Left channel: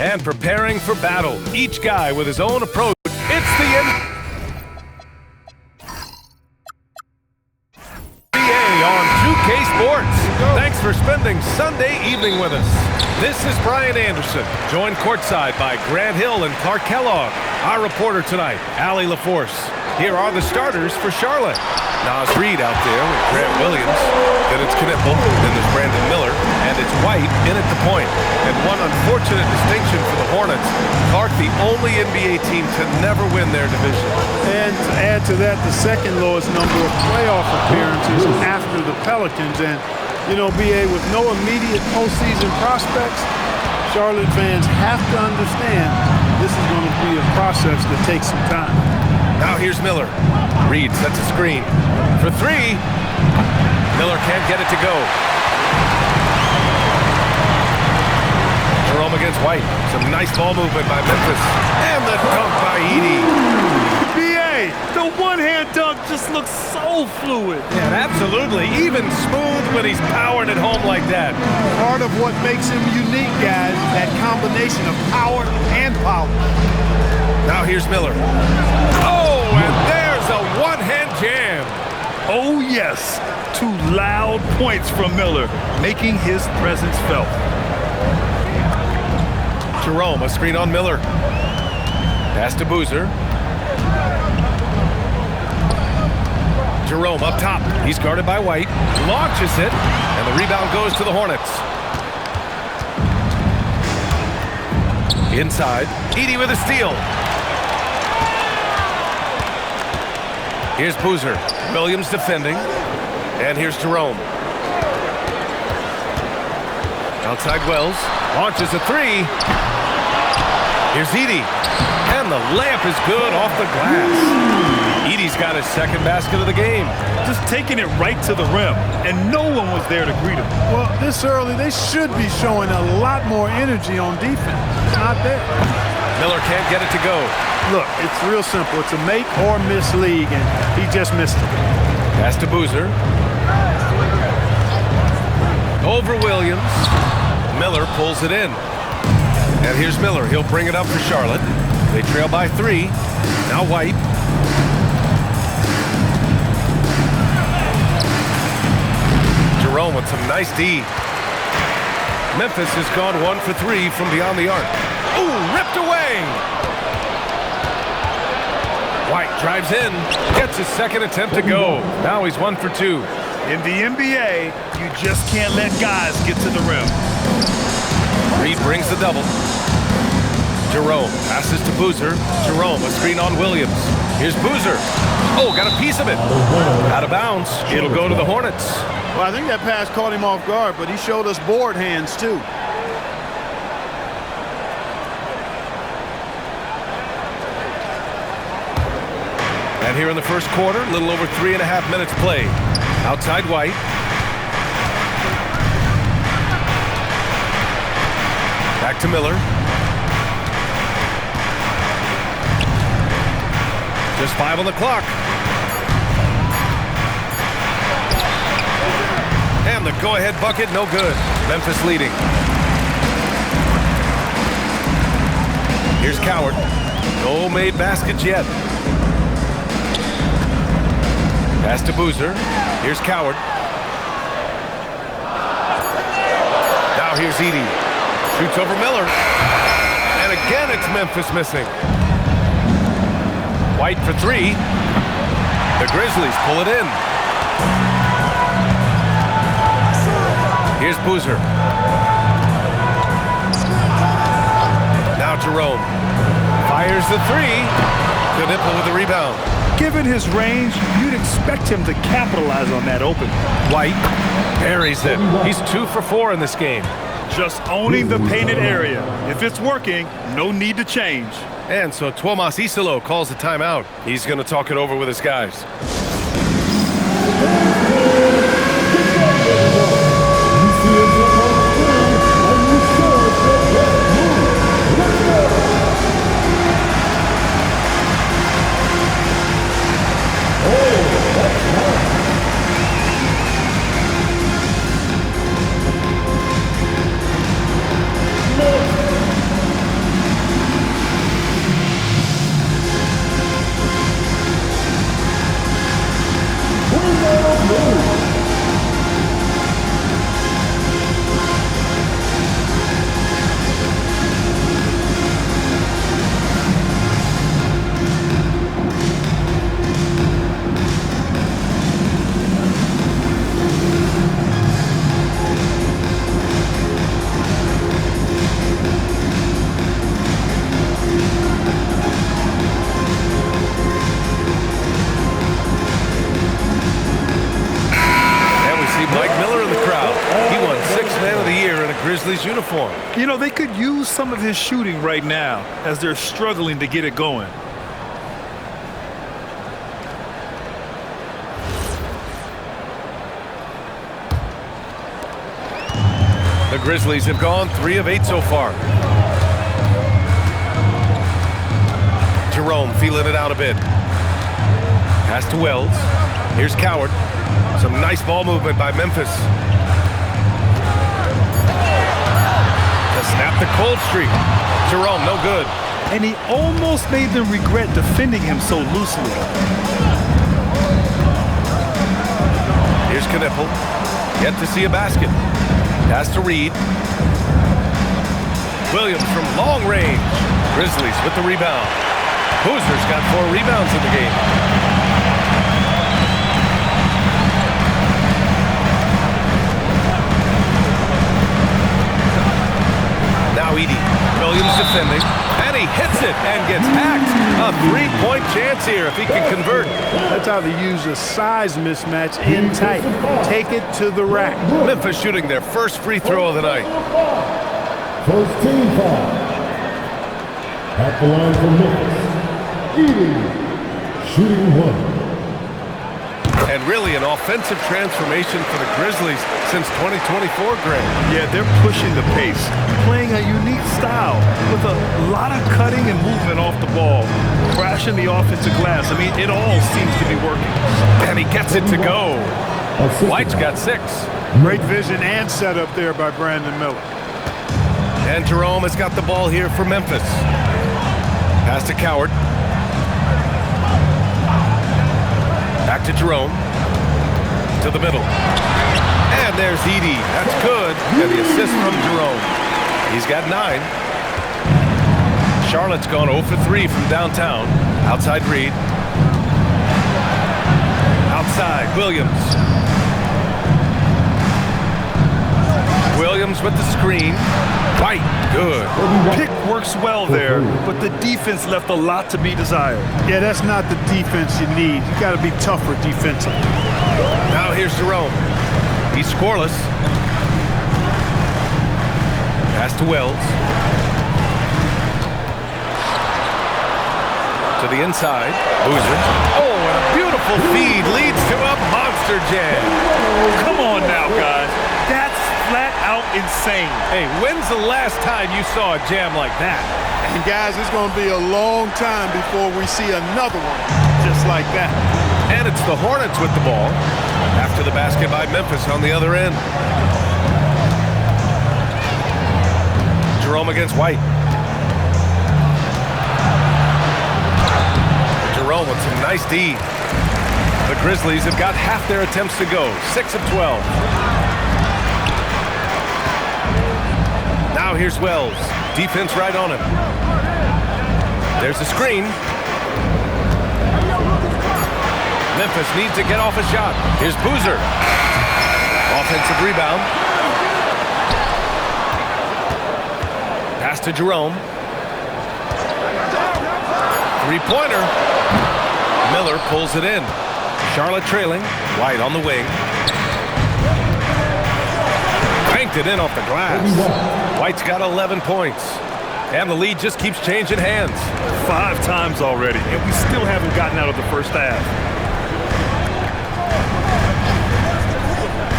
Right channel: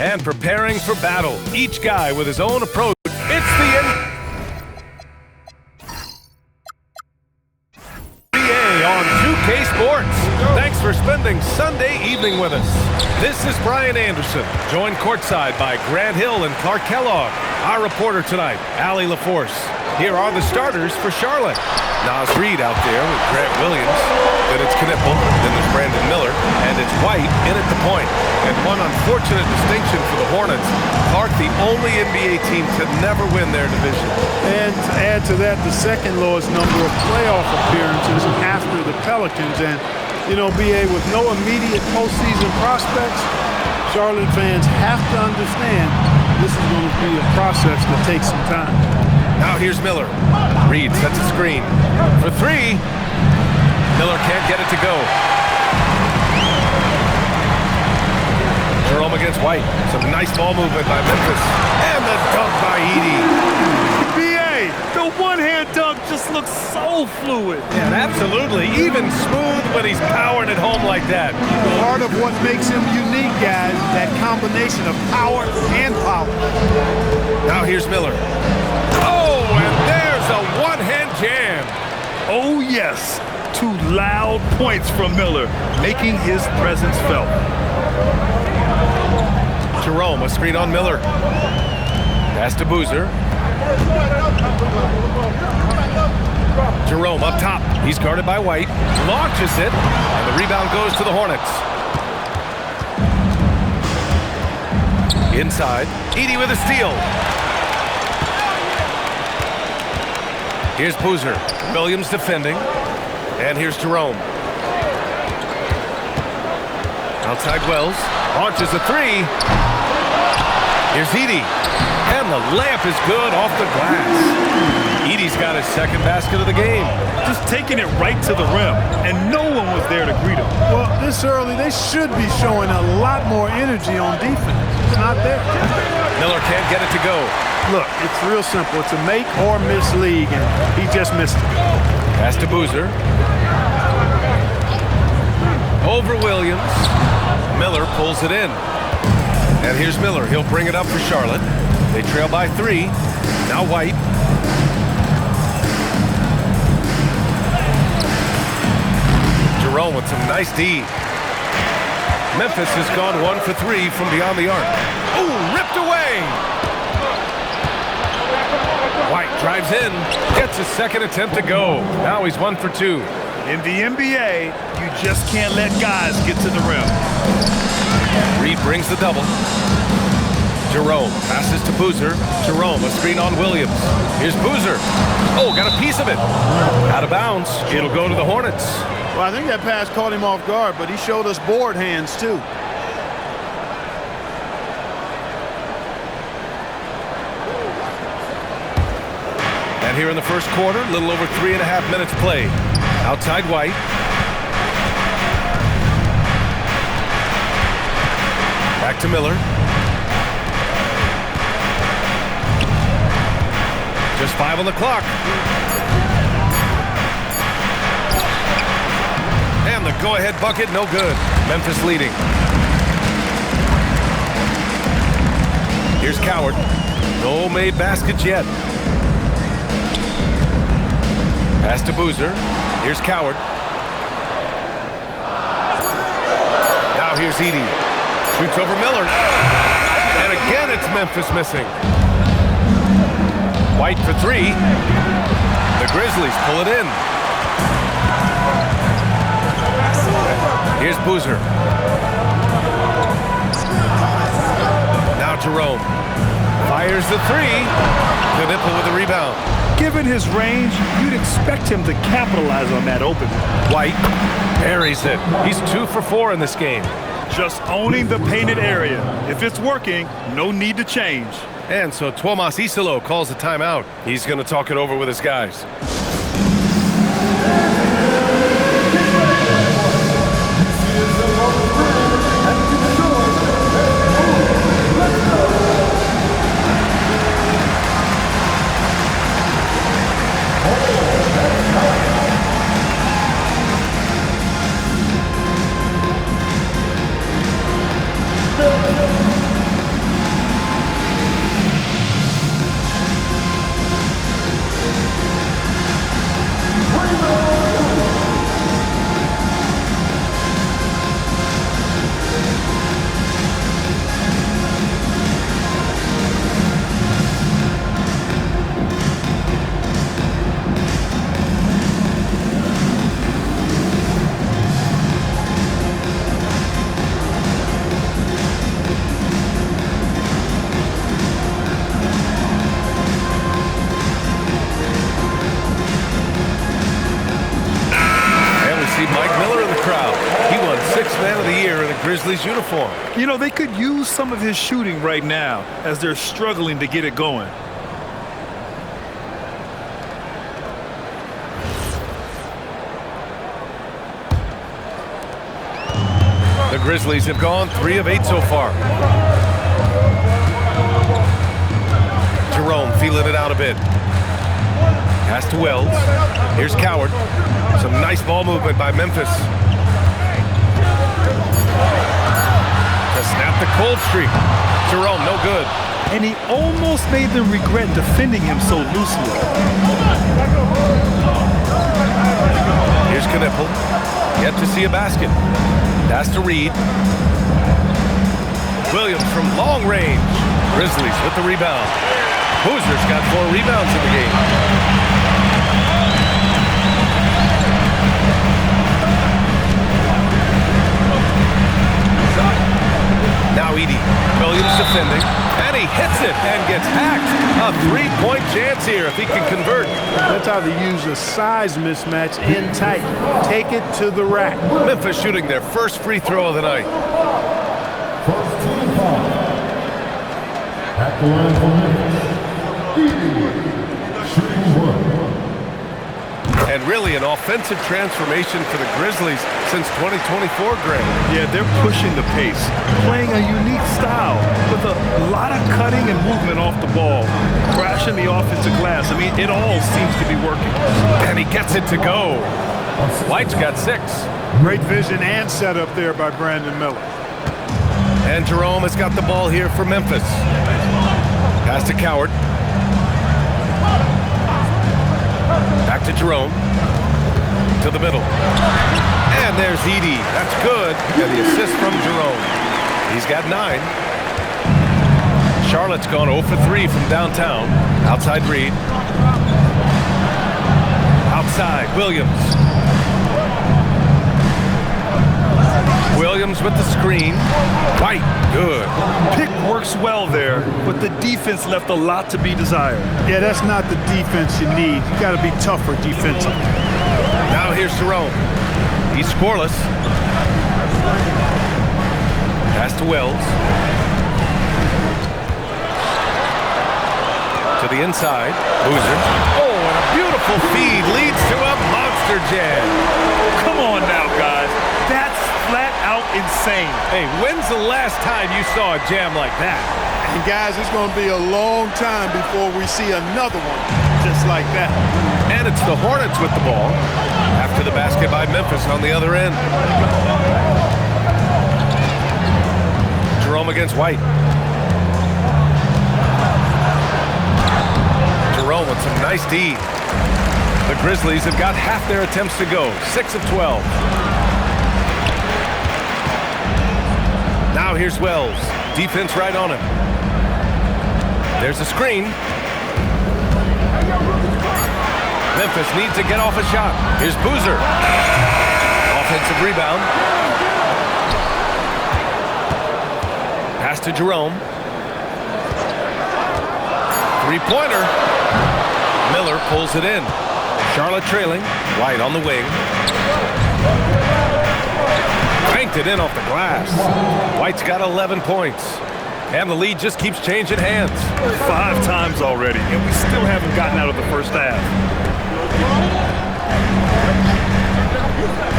and preparing for battle. Each guy with his own approach. It's the NBA on 2K Sports. Thanks for spending Sunday evening with us. This is Brian Anderson, joined courtside by Grant Hill and Clark Kellogg. Our reporter tonight, Allie LaForce. Here are the starters for Charlotte. Naz Reid out there with Grant Williams. Then it's Knipple, then there's Brandon Miller, and it's White in at the point. And one unfortunate distinction for the Hornets, Clark, the only NBA team to never win their division. And to add to that, the second lowest number of playoff appearances after the Pelicans. And, you know, BA, with no immediate postseason prospects, Charlotte fans have to understand this is going to be a process that takes some time. Now here's Miller. Reid sets a screen for three. Miller can't get it to go. Jerome against White. Some nice ball movement by Memphis. And the dunk by Edey. BA, the one-hand dunk just looks so fluid. Yeah, absolutely. Even smooth when he's powering it home like that. Part of what makes him unique, guys, that combination of power and power. Now here's Miller. Oh, and there's a one-hand jam. Oh, yes. Two loud points from Miller, making his presence felt. Jerome, a screen on Miller. Pass to Boozer. Jerome up top. He's guarded by White. Launches it, and the rebound goes to the Hornets. Inside, Edey with a steal. Here's Boozer. Williams defending. And here's Jerome. Outside Wells. Launches a three. Here's Edey. And the layup is good off the glass. Edey's got his second basket of the game. Just taking it right to the rim, and no one was there to greet him. Well, this early, they should be showing a lot more energy on defense. It's not there. Miller can't get it to go. Look, it's real simple. It's a make or miss league, and he just missed it. Pass to Boozer. Over Williams. Miller pulls it in. And here's Miller. He'll bring it up for Charlotte. They trail by three. Now White. Jerome with some nice D. Memphis has gone 1 for 3 from beyond the arc. Ooh, ripped away. White drives in, gets his second attempt to go. Now he's 1 for 2. In the NBA, you just can't let guys get to the rim. Reid brings the double. Jerome passes to Boozer. Jerome, a screen on Williams. Here's Boozer. Oh, got a piece of it. Out of bounds. It'll go to the Hornets. Well, I think that pass caught him off guard, but he showed us board hands, too. And here in the first quarter, a little over 3.5 minutes played. Outside White. Back to Miller. Just 5 on the clock. And the go-ahead bucket, no good. Memphis leading. Here's Coward. No made baskets yet. Pass to Boozer. Here's Coward. Now here's Edey. Shoots over Miller. And again, it's Memphis missing. White for three. The Grizzlies pull it in. Here's Boozer. Now Jerome. Fires the three. Knipple with the rebound. Given his range, you'd expect him to capitalize on that open. White buries it. He's 2 for 4 in this game. Just owning the painted area. If it's working, no need to change. And so Tuomas Isalo calls the timeout. He's going to talk it over with his guys. Miller in the crowd. He won Sixth Man of the Year in a Grizzlies uniform. You know, they could use some of his shooting right now as they're struggling to get it going. The Grizzlies have gone 3 of 8 so far. Jerome feeling it out a bit. Pass to Wells. Here's Coward. Some nice ball movement by Memphis. To snap the cold streak. Jerome, no good. And he almost made them regret defending him so loosely. Here's Knipple. Yet to see a basket. Pass to Reed. Williams from long range. Grizzlies with the rebound. Boozer's got 4 rebounds in the game. Now Edey. Williams defending. And he hits it and gets hacked. A 3-point chance here if he can convert. That's how they use a size mismatch in tight. Take it to the rack. Memphis shooting their first free throw of the night. First team foul. At the line for Memphis, Edey, shooting 1. And really an offensive transformation for the Grizzlies since 2024, Greg. Yeah, they're pushing the pace, playing a unique style with a lot of cutting and movement off the ball, crashing the offensive glass. I mean, it all seems to be working. And he gets it to go. White's got 6. Great vision and setup there by Brandon Miller. And Jerome has got the ball here for Memphis. Pass to Coward. Back to Jerome. To the middle. And there's Edey. That's good. And the assist from Jerome. He's got 9. Charlotte's gone 0 for 3 from downtown. Outside Reed. Outside Williams. Williams with the screen. White, good. Pick works well there, but the defense left a lot to be desired. Yeah, that's not the defense you need. You got to be tougher defensively. Now here's Jerome. He's scoreless. Pass to Wells. To the inside. Boozer. Oh, and a beautiful feed leads to a monster jam. Come on now, guys. That's flat out insane. Hey, when's the last time you saw a jam like that? And guys, it's going to be a long time before we see another one just like that. And it's the Hornets with the ball after the basket by Memphis on the other end. Jerome against White. Jerome with some nice D. The Grizzlies have got half their attempts to go, 6 of 12. Now here's Wells. Defense right on him. There's a screen. Memphis needs to get off a shot. Here's Boozer. Offensive rebound. Pass to Jerome. 3-pointer. Miller pulls it in. Charlotte trailing. White on the wing. Banked it in off the glass. White's got 11 points. And the lead just keeps changing hands. 5 times already, and we still haven't gotten out of the first half.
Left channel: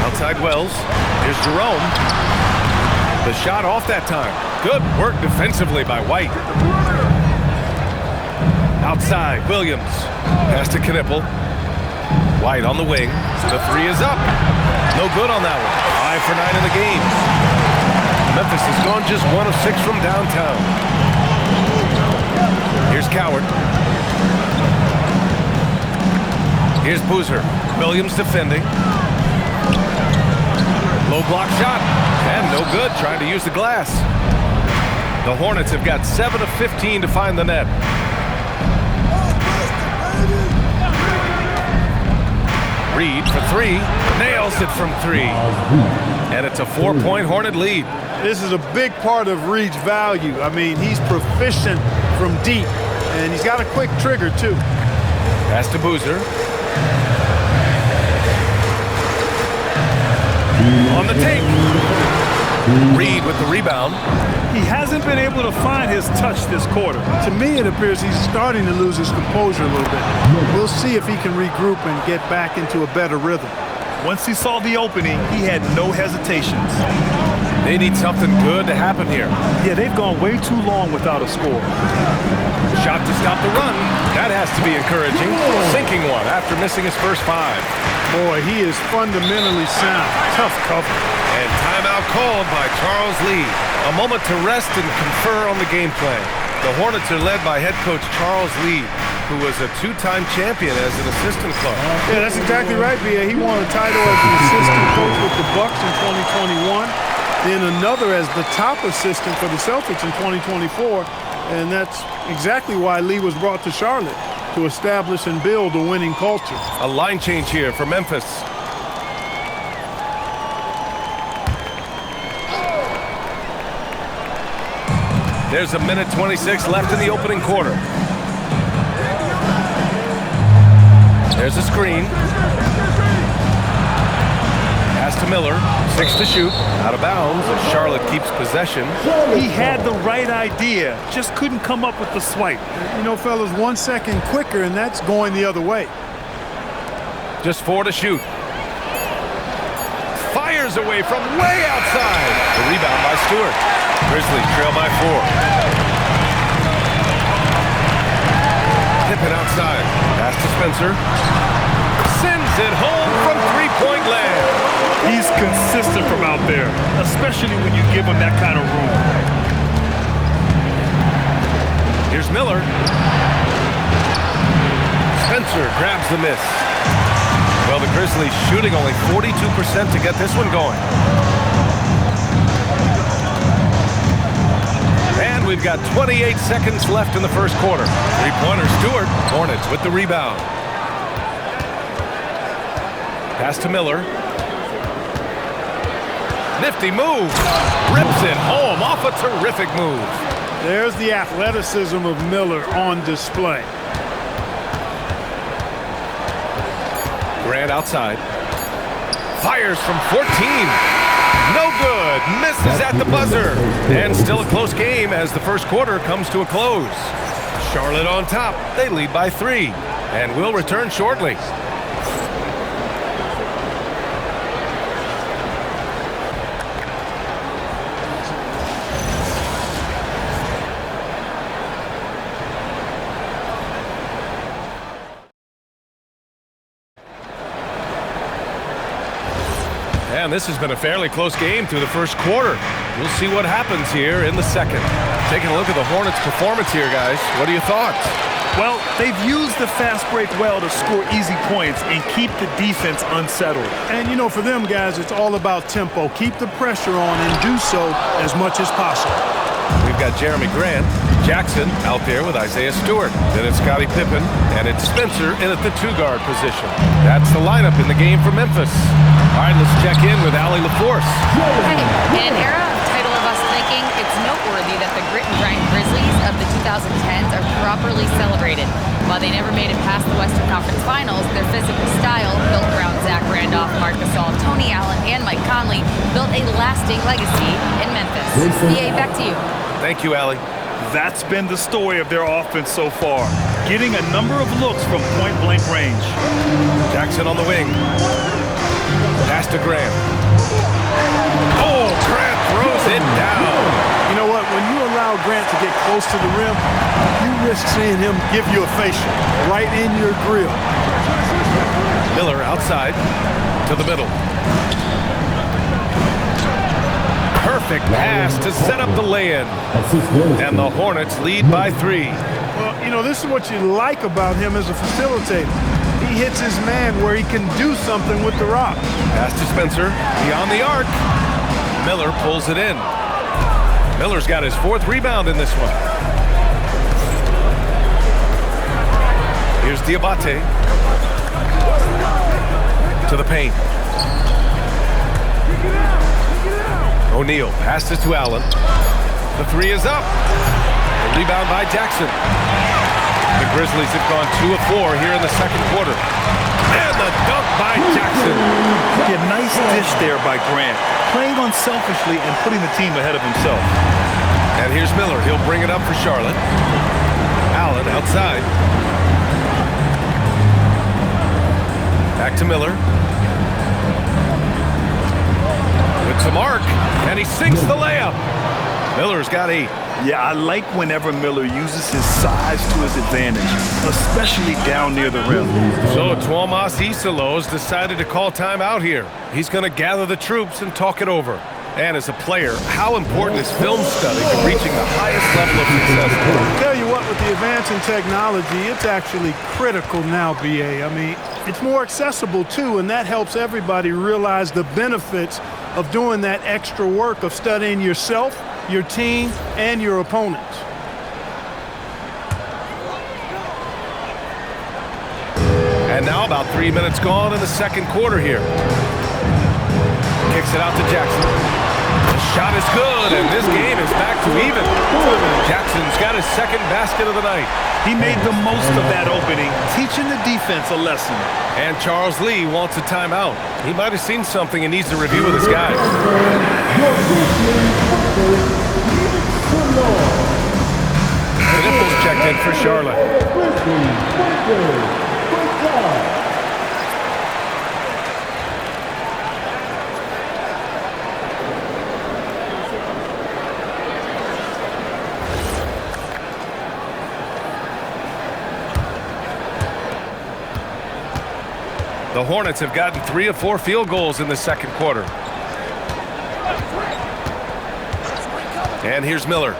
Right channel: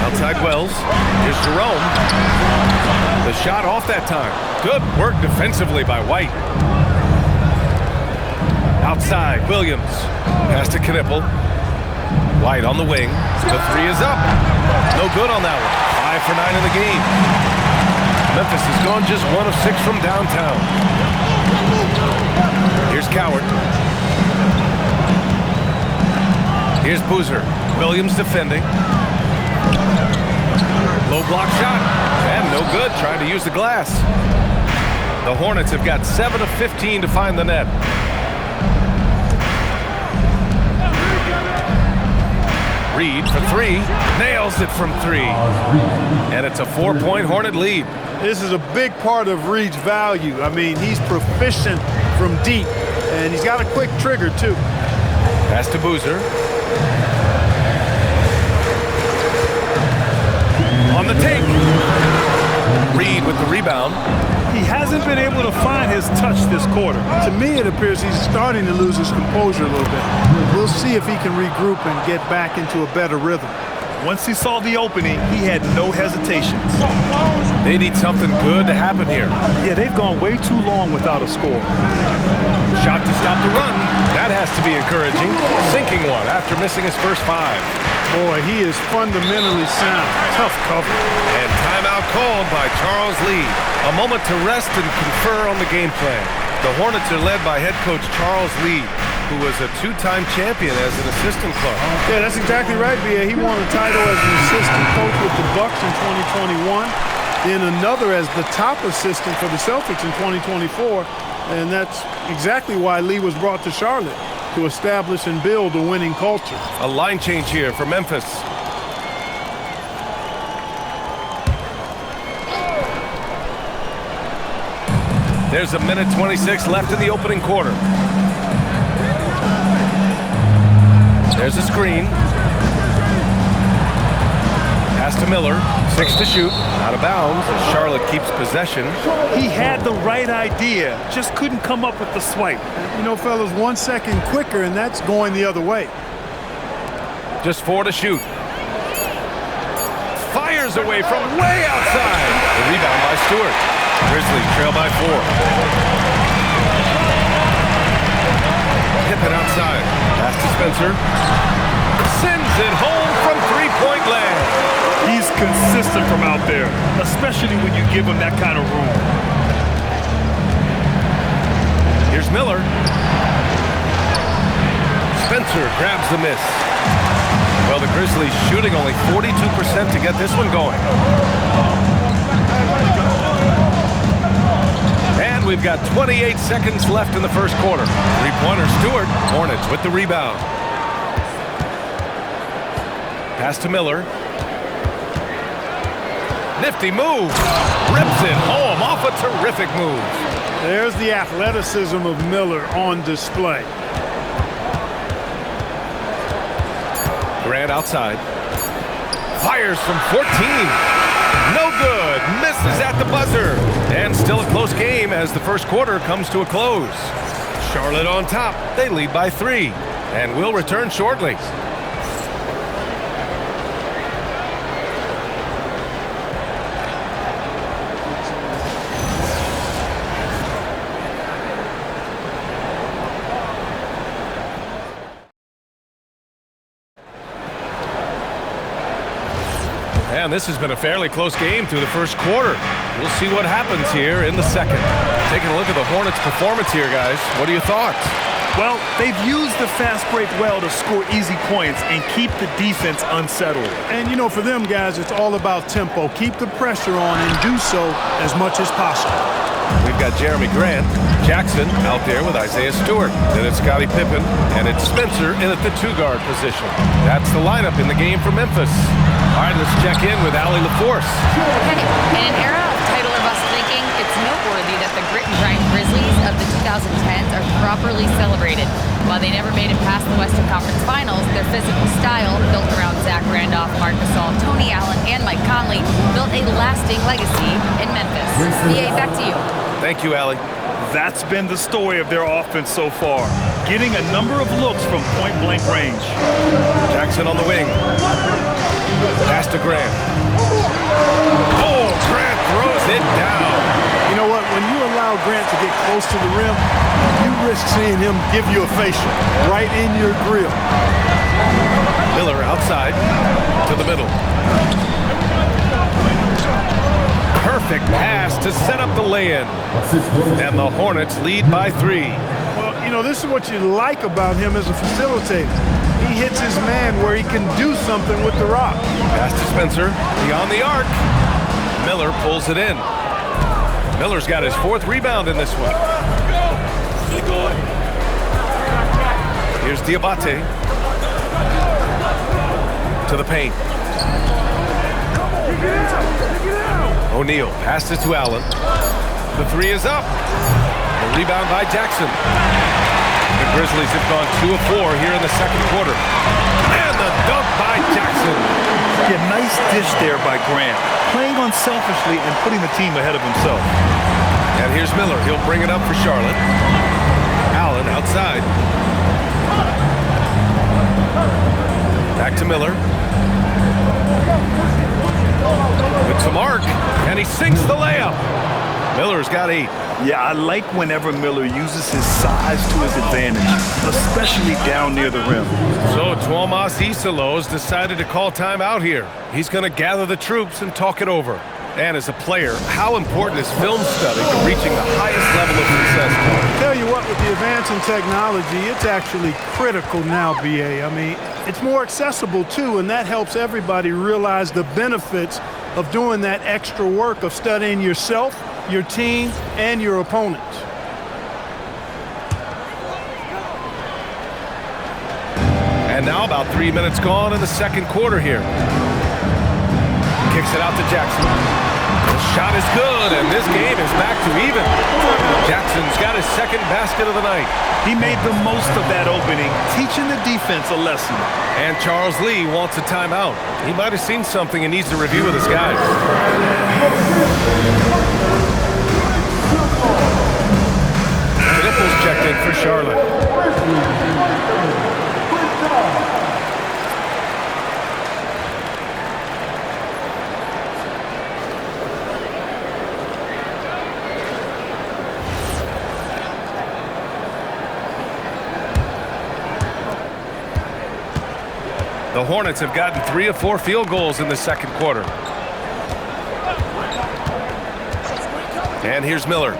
Outside Wells. Here's Jerome. The shot off that time. Good work defensively by White. Outside, Williams. Pass to Knipple. White on the wing. The 3 is up. No good on that one. 5 for 9 in the game. Memphis has gone just 1 of 6 from downtown. Here's Coward. Here's Boozer. Williams defending. Low block shot. And no good, trying to use the glass. The Hornets have got 7 of 15 to find the net. Reed for 3. Nails it from 3. And it's a 4-point Hornet lead. This is a big part of Reed's value. I mean, he's proficient from deep, and he's got a quick trigger, too. Pass to Boozer. On the take. Reed with the rebound. He hasn't been able to find his touch this quarter. To me, it appears he's starting to lose his composure a little bit. We'll see if he can regroup and get back into a better rhythm. Once he saw the opening, he had no hesitations. They need something good to happen here. Yeah, they've gone way too long without a score. Shot to stop the run. That has to be encouraging. Sinking one after missing his first 5. Boy, he is fundamentally sound. Tough cover. And timeout called by Charles Lee. A moment to rest and confer on the game plan. The Hornets are led by head coach Charles Lee, who was a 2-time champion as an assistant coach. Yeah, that's exactly right, B.A. He won a title as an assistant coach with the Bucks in 2021, then another as the top assistant for the Celtics in 2024, and that's exactly why Lee was brought to Charlotte, to establish and build a winning culture. A line change here for Memphis. There's 1:26 left in the opening quarter. There's a screen. Pass to Miller. 6 to shoot. Out of bounds as Charlotte keeps possession. He had the right idea, just couldn't come up with the swipe. You know, fellas, 1 second quicker, and that's going the other way. Just 4 to shoot. Fires away from way outside. The rebound by Stewart. Grizzlies trail by 4. Pippen outside. Pass to Spencer. Sends it home from three-point land. He's consistent from out there, especially when you give him that kind of room. Here's Miller. Spencer grabs the miss. Well, the Grizzlies shooting only 42% to get this one going. And we've got 28 seconds left in the first quarter. Three-pointer Stewart. Hornets with the rebound. Pass to Miller. Nifty move. Rips it home off a terrific move. There's the athleticism of Miller on display. Grant outside. Fires from 14. No good. Misses at the buzzer. And still a close game as the first quarter comes to a close. Charlotte on top. They lead by 3. And will return shortly. And this has been a fairly close game through the first quarter. We'll see what happens here in the second. Taking a look at the Hornets' performance here, guys. What are your thoughts? Well, they've used the fast break well to score easy points and keep the defense unsettled. And, you know, for them guys, it's all about tempo. Keep the pressure on and do so as much as possible. We've got Jeremy Grant, Jackson out there with Isaiah Stewart. Then it's Scottie Pippen, and it's Spencer in at the 2-guard position. That's the lineup in the game for Memphis. All right, let's check in with Allie LaForce. Hey, in an era of title or bust thinking, it's noteworthy that the grit and grind Grizzlies of the 2010s are properly celebrated. While they never made it past the Western Conference Finals, their physical style, built around Zach Randolph, Marc Gasol, Tony Allen, and Mike Conley, built a lasting legacy in Memphis. BA, back to you. Thank you, Allie. That's been the story of their offense so far, getting a number of looks from point-blank range. Jackson on the wing. Pass to Grant. Oh, Grant throws it down. You know what? When you allow Grant to get close to the rim, you risk seeing him give you a facial right in your grill. Miller outside to the middle. Perfect pass to set up the lay-in. And the Hornets lead by 3. Well, you know, this is what you like about him as a facilitator. He hits his man where he can do something with the rock. Pass to Spencer, beyond the arc. Miller pulls it in. Miller's got his 4th rebound in this one. Here's Diabate. To the paint. O'Neal passes to Allen. The 3 is up. The rebound by Jackson. The Grizzlies have gone 2 of 4 here in the second quarter. And the dunk by Jackson. Yeah, nice dish there by Grant. Playing unselfishly and putting the team ahead of himself. And here's Miller. He'll bring it up for Charlotte. Allen outside. Back to Miller. With to Mark, and he sinks the layup. Miller's got 8. Yeah, I like whenever Miller uses his size to his advantage, especially down near the rim. So Tuomas Isalos decided to call timeout here. He's going to gather the troops and talk it over. And as a player, how important is film study to reaching the highest level of success? Tell you what, with the advance in technology, it's actually critical now, BA. I mean, it's more accessible too, and that helps everybody realize the benefits of doing that extra work of studying yourself, your team, and your opponents. And now about 3 minutes gone in the second quarter here. Kicks it out to Jackson. The shot is good, and this game is back to even. Jackson's got his second basket of the night. He made the most of that opening, teaching the defense a lesson. And Charles Lee wants a timeout. He might have seen something and needs to review with his guys. Nipples checked in for Charlotte. The Hornets have gotten 3 of 4 field goals in the second quarter. And here's Miller.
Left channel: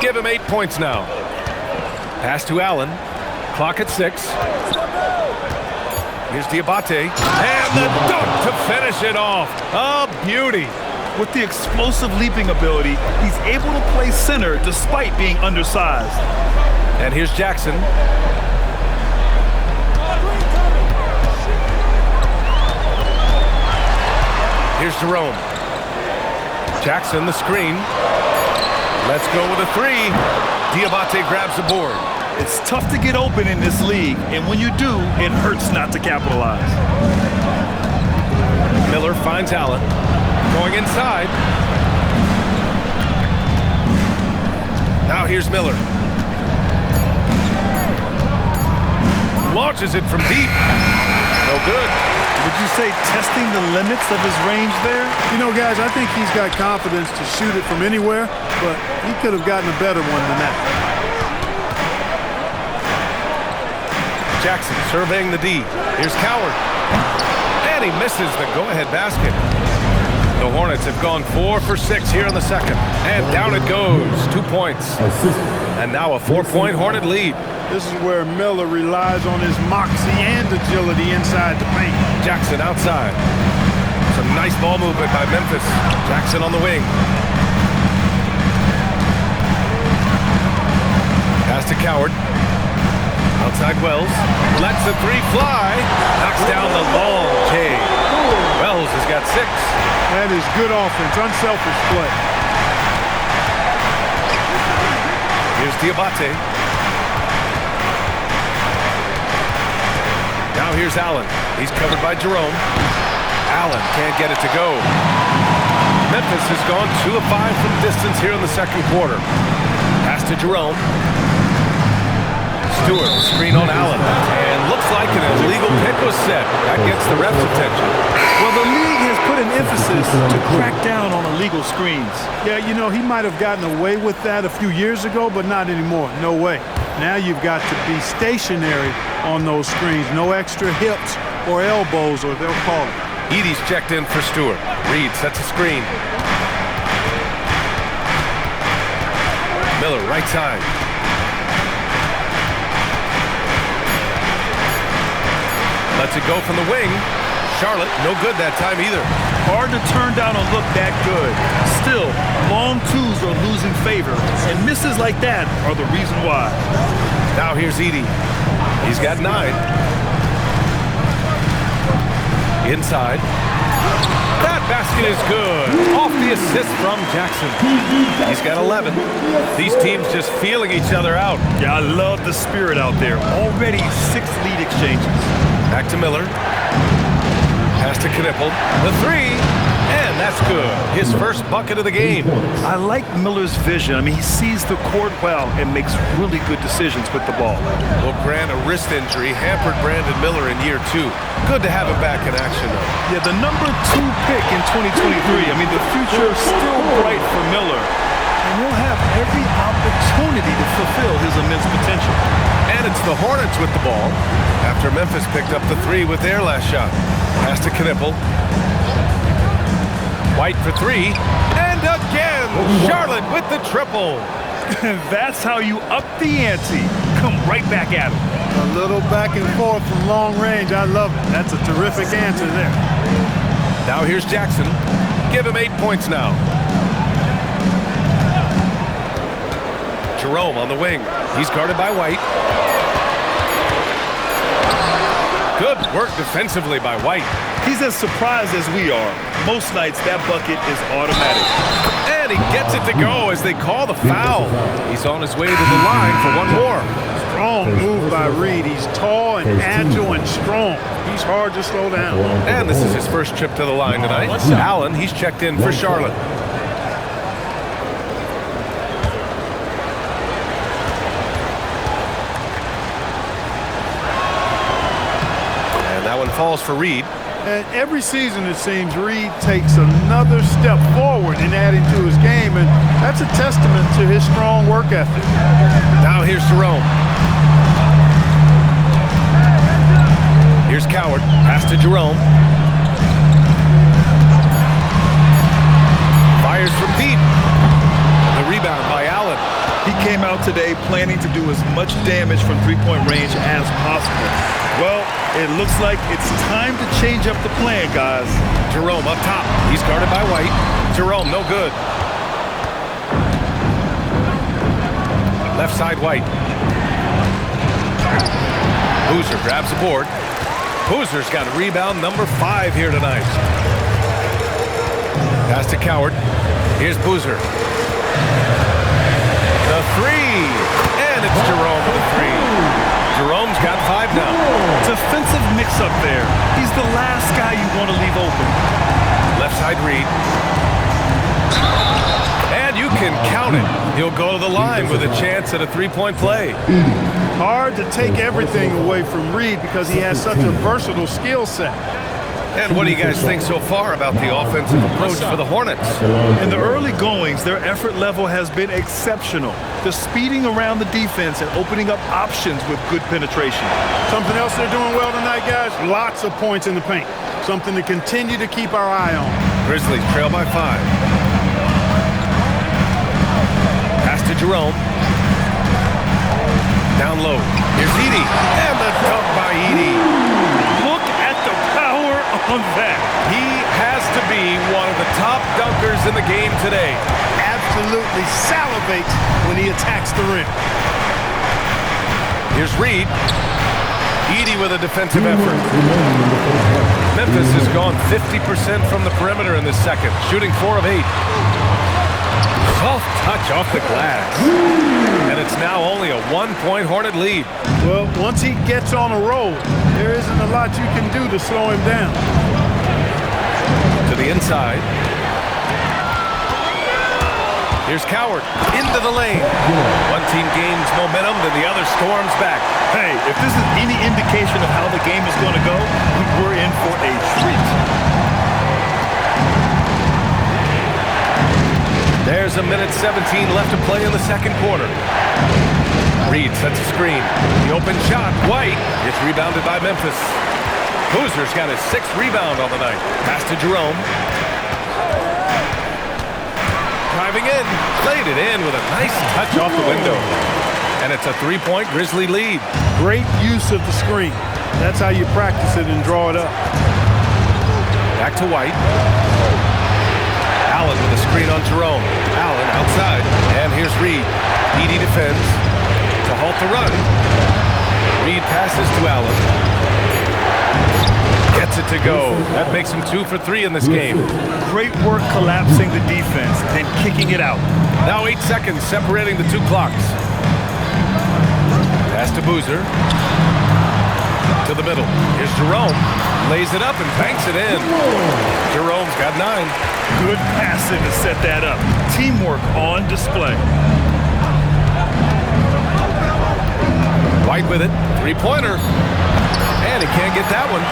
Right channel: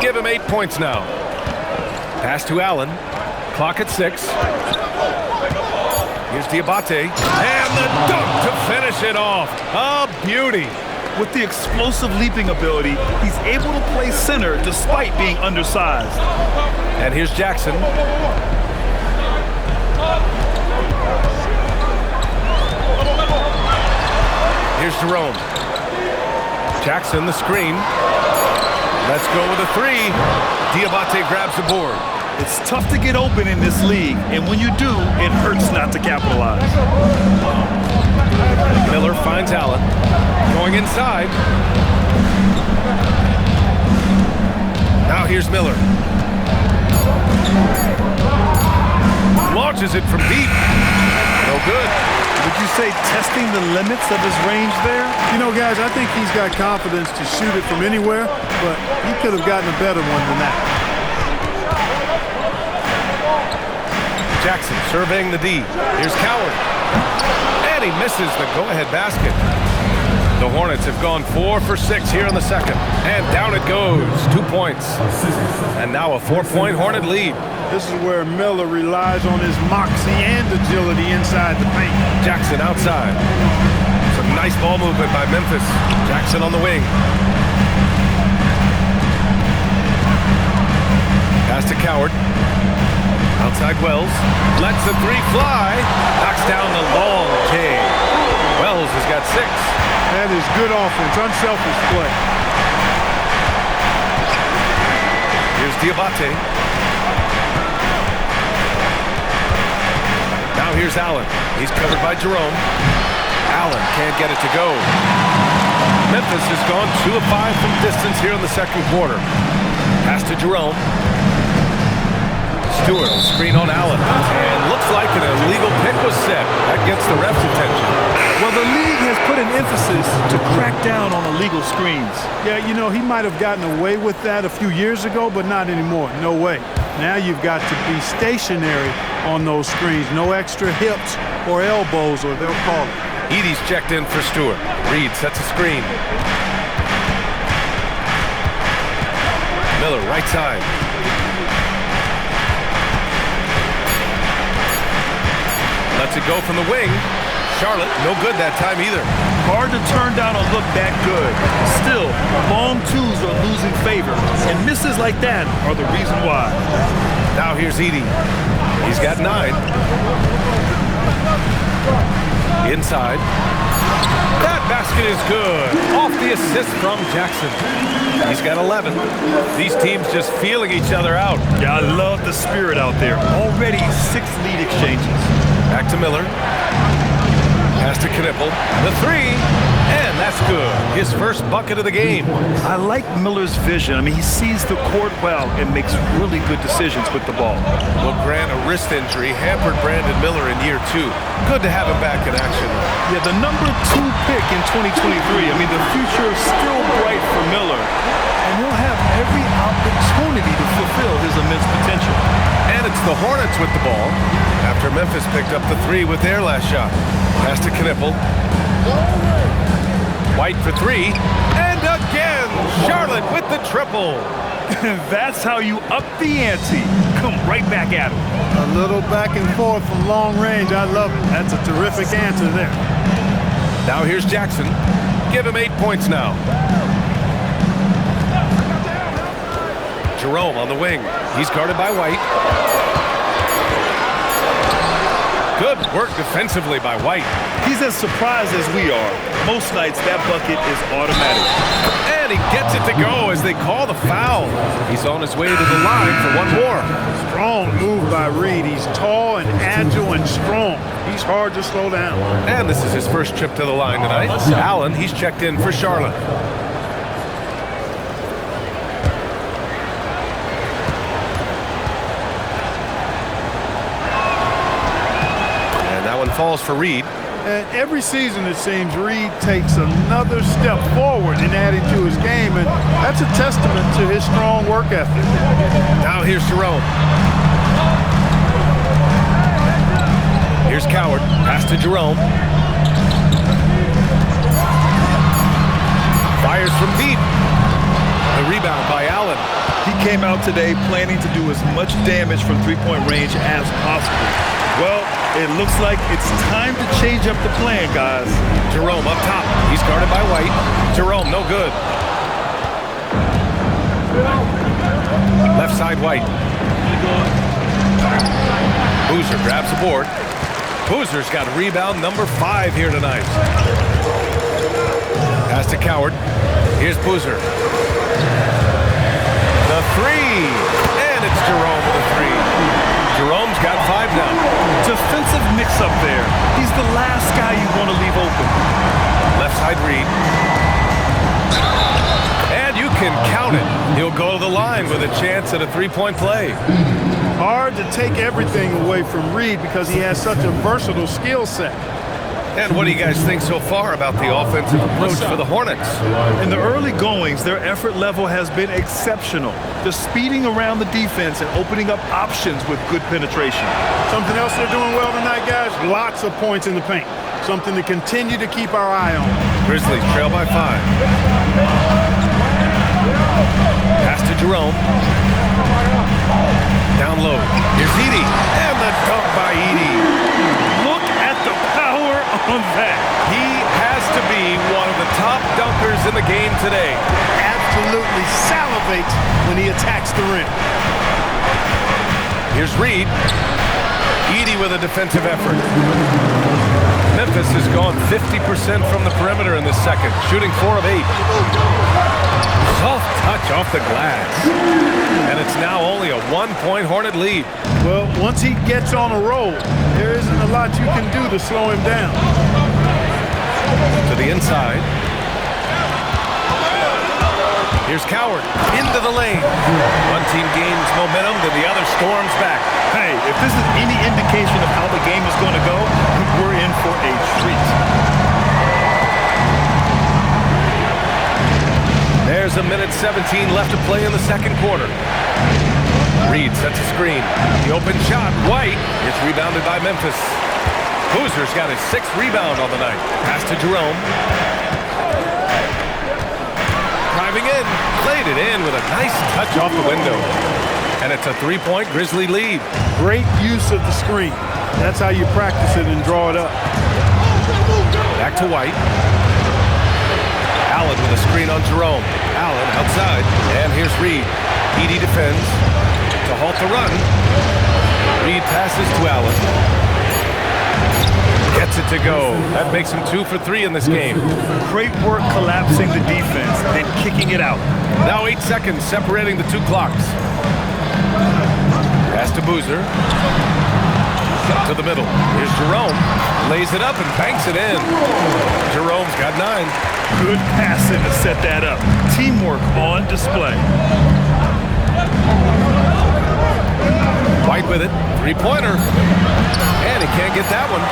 Give him 8 points now. Pass to Allen. Clock at 6. Here's Diabate. And the dunk to finish it off. A beauty. With the explosive leaping ability, he's able to play center despite being undersized. And here's Jackson. Here's Jerome. Jackson, the screen. Let's go with a 3. Diabate grabs the board. It's tough to get open in this league, and when you do, it hurts not to capitalize. Miller finds Allen. Going inside. Now here's Miller. Launches it from deep. No good. Would you say testing the limits of his range there? You know, guys, I think he's got confidence to shoot it from anywhere, but he could have gotten a better one than that. Jackson surveying the D. Here's Coward. And he misses the go-ahead basket. The Hornets have gone 4 for 6 here in the second. And down it goes. 2 points. And now a 4-point Hornet lead. This is where Miller relies on his moxie and agility inside the paint. Jackson outside. Some nice ball movement by Memphis. Jackson on the wing. Pass to Coward. Outside Wells. Lets the 3 fly. Knocks down the long J. Wells has got 6. That is good offense, unselfish play. Here's Diabate. Now here's Allen. He's covered by Jerome. Allen can't get it to go. Memphis has gone 2 of 5 from distance here in the second quarter. Pass to Jerome. Stewart will screen on Allen. And looks like an illegal pick was set. That gets the ref's attention. Well, the league has put an emphasis to crack down on illegal screens. Yeah, you know, he might have gotten away with that a few years ago, but not anymore. No way. Now you've got to be stationary on those screens. No extra hips or elbows, or they'll call it. Edey's checked in for Stewart. Reed sets a screen. Miller, right side. Lets it go from the wing. Charlotte, no good that time either. Hard to turn down a look that good. Still, long twos are losing favor, and misses like that are the reason why. Now here's Edey. He's got 9. Inside. That basket is good. Off the assist from Jackson. He's got 11. These teams just feeling each other out. Yeah, I love the spirit out there. Already 6 lead exchanges. Back to Miller. Pass to Knippel. The three, and that's good. His first bucket of the game. I like Miller's vision. I mean, he sees the court well and makes really good decisions with the ball. Well, Grant, a wrist injury hampered Brandon Miller in year 2. Good to have him back in action, though. Yeah, the number 2 pick in 2023. I mean, the future is still bright for Miller, and he'll have every opportunity to fulfill his immense potential. And it's the Hornets with the ball after Memphis picked up the 3 with their last shot. Pass to Knippel. White for 3. And again, Charlotte with the triple. That's how you up the ante. Come right back at him. A little back and forth from long range. I love it. That's a terrific answer there. Now here's Jackson. Give him 8 points now. Jerome on the wing. He's guarded by White. Good work defensively by White. He's as surprised as we are. Most nights, that bucket is automatic. And he gets it to go as they call the foul. He's on his way to the line for one more. Strong move by Reed. He's tall and agile and strong. He's hard to slow down. And this is his first trip to the line tonight. Allen, he's checked in for Charlotte. That one falls for Reed. And every season, it seems, Reed takes another step forward in adding to his game, and that's a testament to his strong work ethic. Now here's Jerome. Here's Coward. Pass to Jerome. Fires from deep. The rebound by Allen. He came out today planning to do as much damage from three-point range as possible. Well, it looks like it's time to change up the plan, guys. Jerome up top. He's guarded by White. Jerome, no good. Left side, White. Boozer grabs the board. Boozer's got rebound number 5 here tonight. Pass to Coward. Here's Boozer. The 3. And it's Jerome with a 3. Jerome's got 5 now. Defensive mix-up there. He's the last guy you want to leave open. Left side Reed. And you can count it. He'll go to the line with a chance at a 3-point play. Hard to take everything away from Reed because he has such a versatile skill set. And what do you guys think so far about the offensive approach for the Hornets? In the early goings, their effort level has been exceptional. They're speeding around the defense and opening up options with good penetration. Something else they're doing well tonight, guys? Lots of points in the paint. Something to continue to keep our eye on. Grizzlies trail by 5. Pass to Jerome. Down low. Here's Edey. And the dunk by Edey. Look at the power on that. He has to be one of the top dunkers in the game today. Absolutely salivates when he attacks the rim. Here's Reed. Edey with a defensive effort. Memphis has gone 50% from the perimeter in this second, shooting 4 of 8. Soft touch off the glass. And it's now only a 1-point Hornet lead. Well, once he gets on a roll, there isn't a lot you can do to slow him down. To the inside. Here's Coward into the lane. One team gains momentum, then the other storms back. Hey, if this is any indication of how the game is going to go, we're in for a treat. There's a minute 17 left to play in the second quarter. Reed sets a screen. The open shot, White, is rebounded by Memphis. Boozer's got his 6th rebound on the night. Pass to Jerome. Driving in, played it in with a nice touch off the window. And it's a 3-point Grizzly lead. Great use of the screen. That's how you practice it and draw it up. Back to White. Allen with a screen on Jerome. Allen outside. And here's Reed. Edey defends. To halt the run. Reed passes to Allen. Gets it to go. That makes him 2 for 3 in this game. Great work collapsing the defense and kicking it out. Now 8 seconds separating the 2 clocks. Pass to Boozer. To the middle. Here's Jerome. Lays it up and banks it in. Jerome's got 9. Good passing to set that up. Teamwork on display. White with it. 3-pointer. And he can't get that one.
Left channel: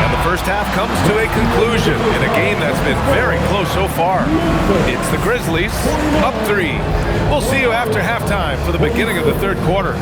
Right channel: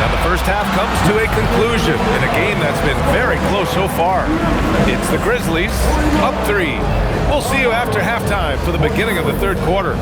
And the first half comes to a conclusion in a game that's been very close so far. It's the Grizzlies up 3. We'll see you after halftime for the beginning of the third quarter.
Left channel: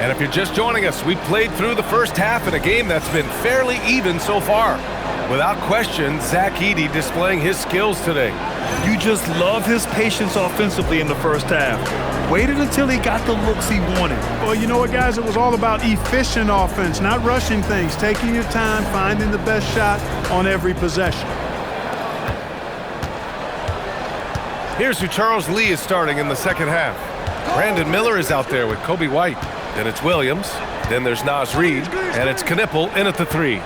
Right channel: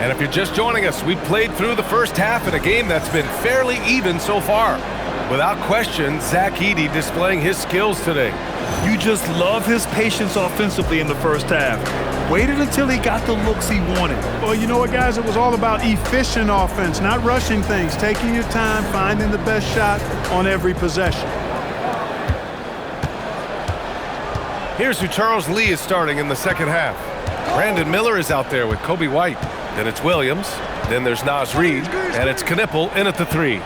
And if you're just joining us, we played through the first half in a game that's been fairly even so far. Without question, Zach Edey displaying his skills today. You just love his patience offensively in the first half. Waited until he got the looks he wanted. Well, you know what, guys? It was all about efficient offense, not rushing things, taking your time, finding the best shot on every possession. Here's who Charles Lee is starting in the second half. Brandon Miller is out there with Kobe White. Then it's Williams. Then there's Naz Reid. And it's Knipple in at the 3.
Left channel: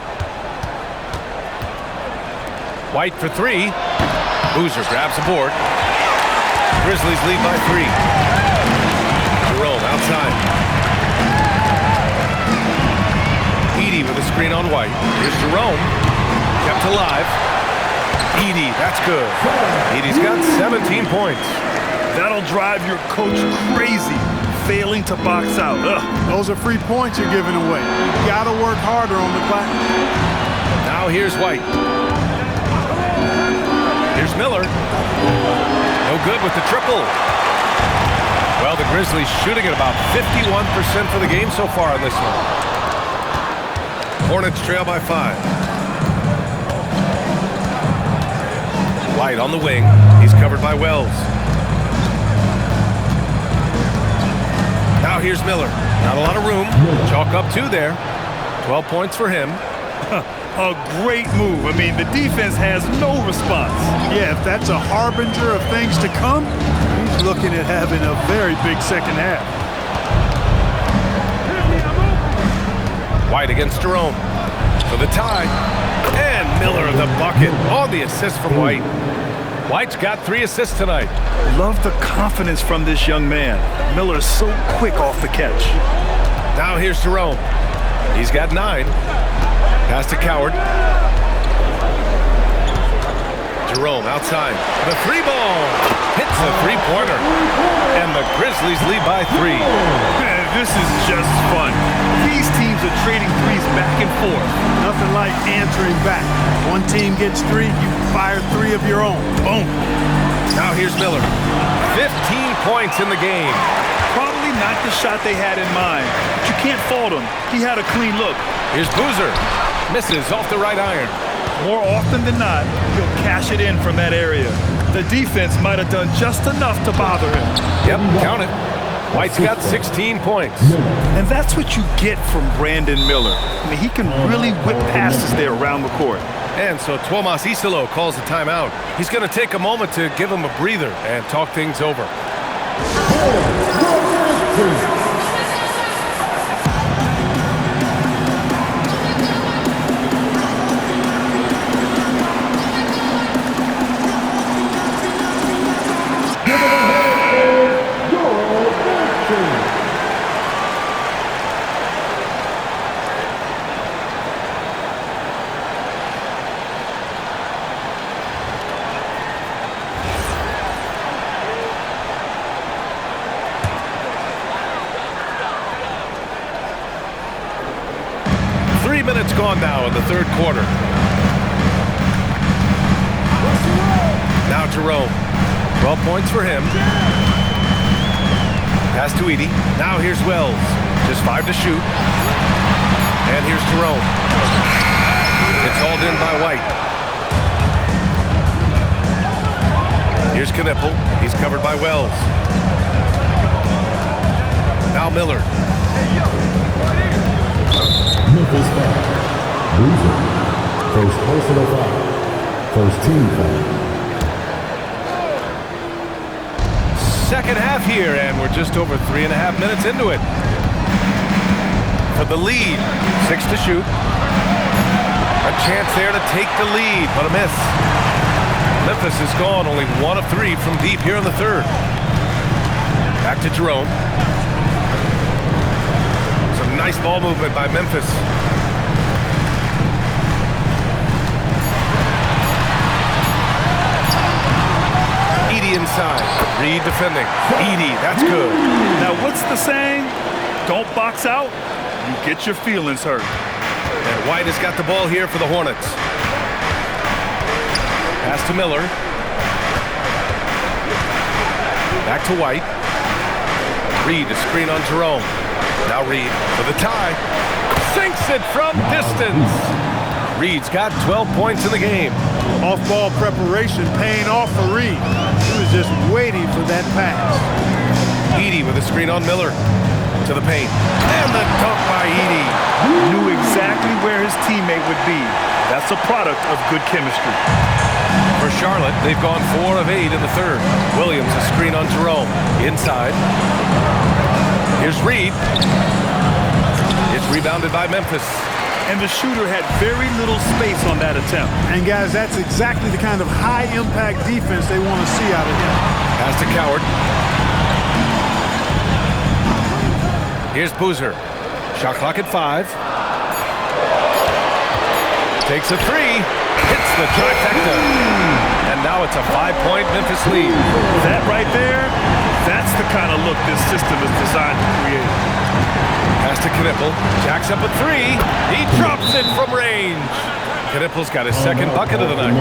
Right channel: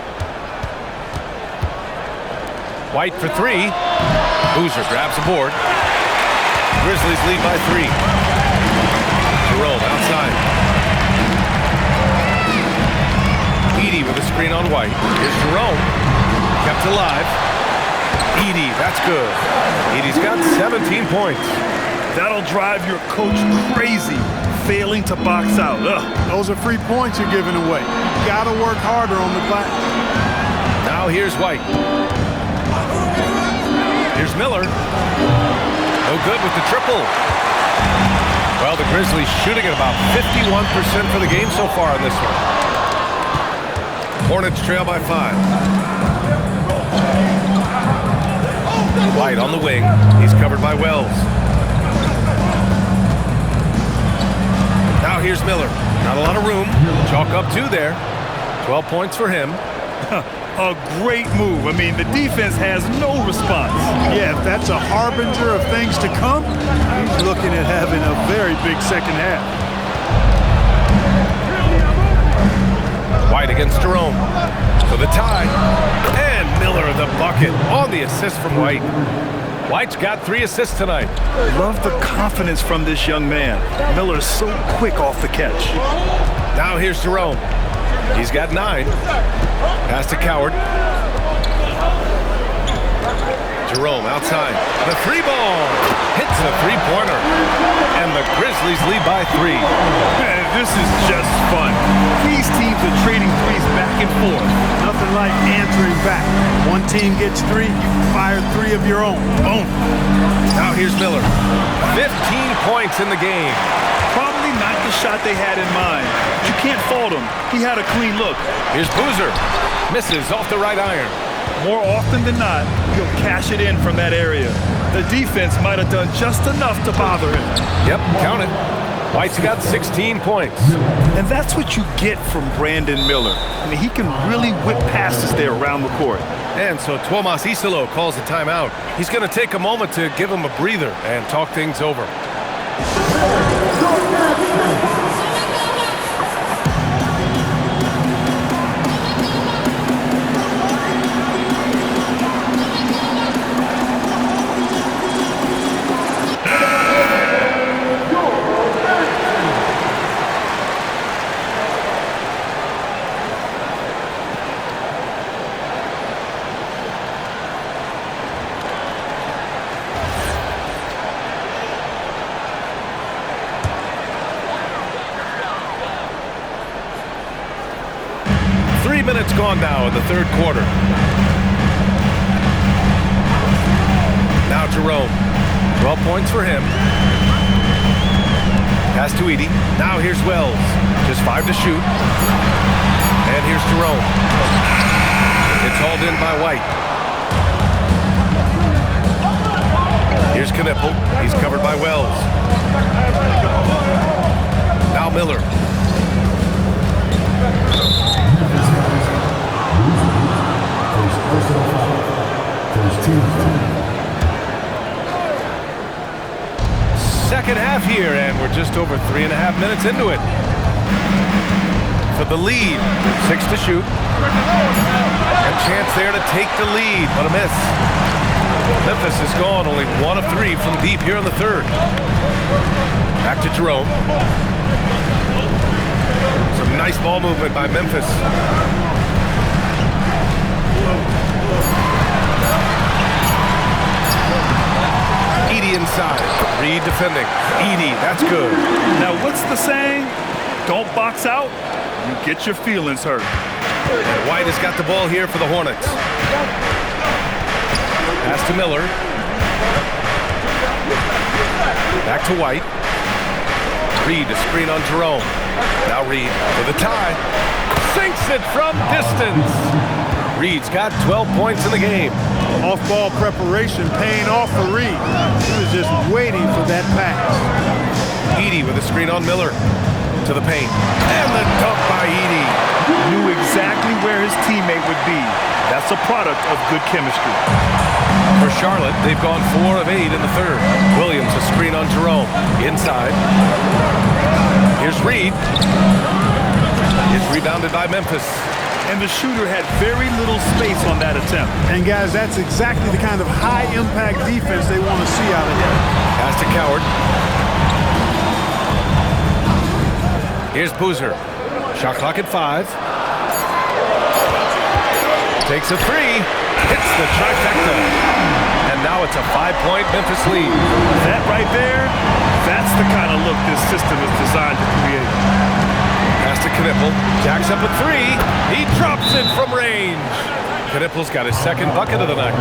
White for 3. Boozer grabs the board. Grizzlies lead by 3. Jerome outside. Edey with a screen on White. Here's Jerome. Kept alive. Edey, that's good. Edey's got 17 points. That'll drive your coach crazy, failing to box out. Ugh. Those are free points you're giving away. You got to work harder on the glass. Now here's White. Here's Miller. No good with the triple. Well, the Grizzlies shooting at about 51% for the game so far in this one. Hornets trail by 5. White on the wing. He's covered by Wells. Now here's Miller. Not a lot of room. Chalk up 2 there. 12 points for him. A great move. I mean, the defense has no response. Yeah, if that's a harbinger of things to come, he's looking at having a very big second half. White against Jerome for the tie. And Miller the bucket on the assist from White. White's got 3 assists tonight. Love the confidence from this young man. Miller's so quick off the catch. Now here's Jerome. He's got 9. Pass to Coward. Jerome outside. The 3-ball. Hits a 3-pointer. And the Grizzlies lead by 3. Man, this is just fun. These teams are trading threes back and forth. Nothing like answering back. One team gets 3, you fire 3 of your own. Boom. Now here's Miller. 15 points in the game. Probably not the shot they had in mind. But you can't fault him. He had a clean look. Here's Boozer. Misses off the right iron. More often than not, he'll cash it in from that area. The defense might have done just enough to bother him. Yep, count it. White's got 16 points. And that's what you get from Brandon Miller. I mean, he can really whip passes there around the court. And so Tuomas Isalo calls a timeout. He's going to take a moment to give him a breather and talk things over. minutes gone now in the third quarter. Now Jerome. 12 points for him. Pass to Edey. Now here's Wells. Just 5 to shoot. And here's Jerome. It's hauled in by White. Here's Knipple. He's covered by Wells. Now Miller. Memphis fouls. Boozer. First personal foul. First team foul. Second half here, and we're just over 3.5 minutes into it. For the lead, 6 to shoot. A chance there to take the lead, but a miss. Memphis is gone, only 1 of 3 from deep here in the third. Back to Jerome. Some nice ball movement by Memphis. Edey inside. Reed defending. Edey, that's good. Now, what's the saying? Don't box out, you get your feelings hurt. And White has got the ball here for the Hornets. Pass to Miller. Back to White. Reed to screen on Jerome. Now Reed for the tie. Sinks it from distance. Reed's got 12 points in the game. Off-ball preparation paying off for Reed. He was just waiting for that pass. Edey with a screen on Miller. To the paint. And the dunk by Edey. Knew exactly where his teammate would be. That's a product of good chemistry. For Charlotte, they've gone 4 of 8 in the third. Williams a screen on Jerome. Inside. Here's Reed. It's rebounded by Memphis. And the shooter had very little space on that attempt. And guys, that's exactly the kind of high-impact defense they want to see out of him. Pass to Coward. Here's Boozer. Shot clock at 5. Takes a 3. Hits the trifecta. And now it's a 5-point Memphis lead. That right there, that's the kind of look this system is designed to create. Pass to Knipple. Jacks up a 3. He drops it from range. Knipple's got his second bucket of the night.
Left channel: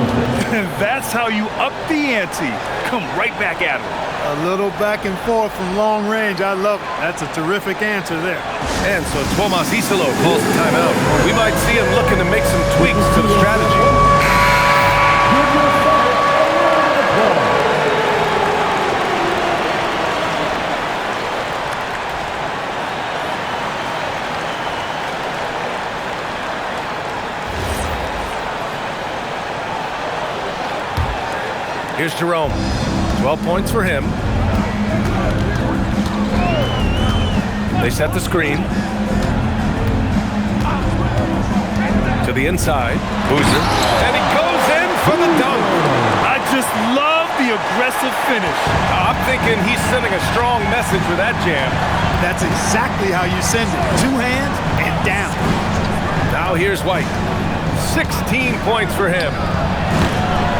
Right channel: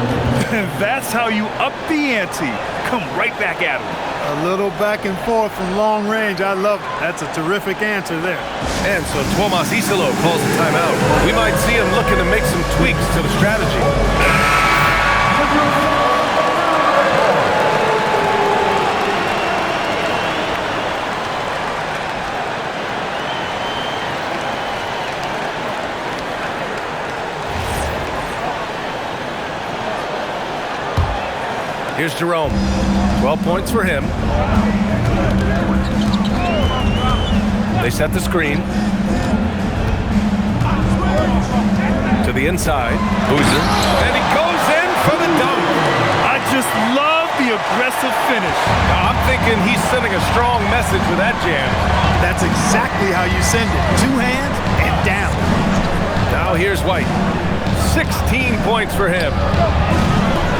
And that's how you up the ante. Come right back at him. A little back and forth from long range. I love it. That's a terrific answer there. And so Tuomas Isalo calls the timeout. We might see him looking to make some tweaks to the strategy. Here's Jerome. 12 points for him. They set the screen. To the inside. Boozer. And he goes in for the dunk. I just love the aggressive finish. I'm thinking he's sending a strong message with that jam. That's exactly how you send it. 2 hands and down. Now here's White. 16 points for him.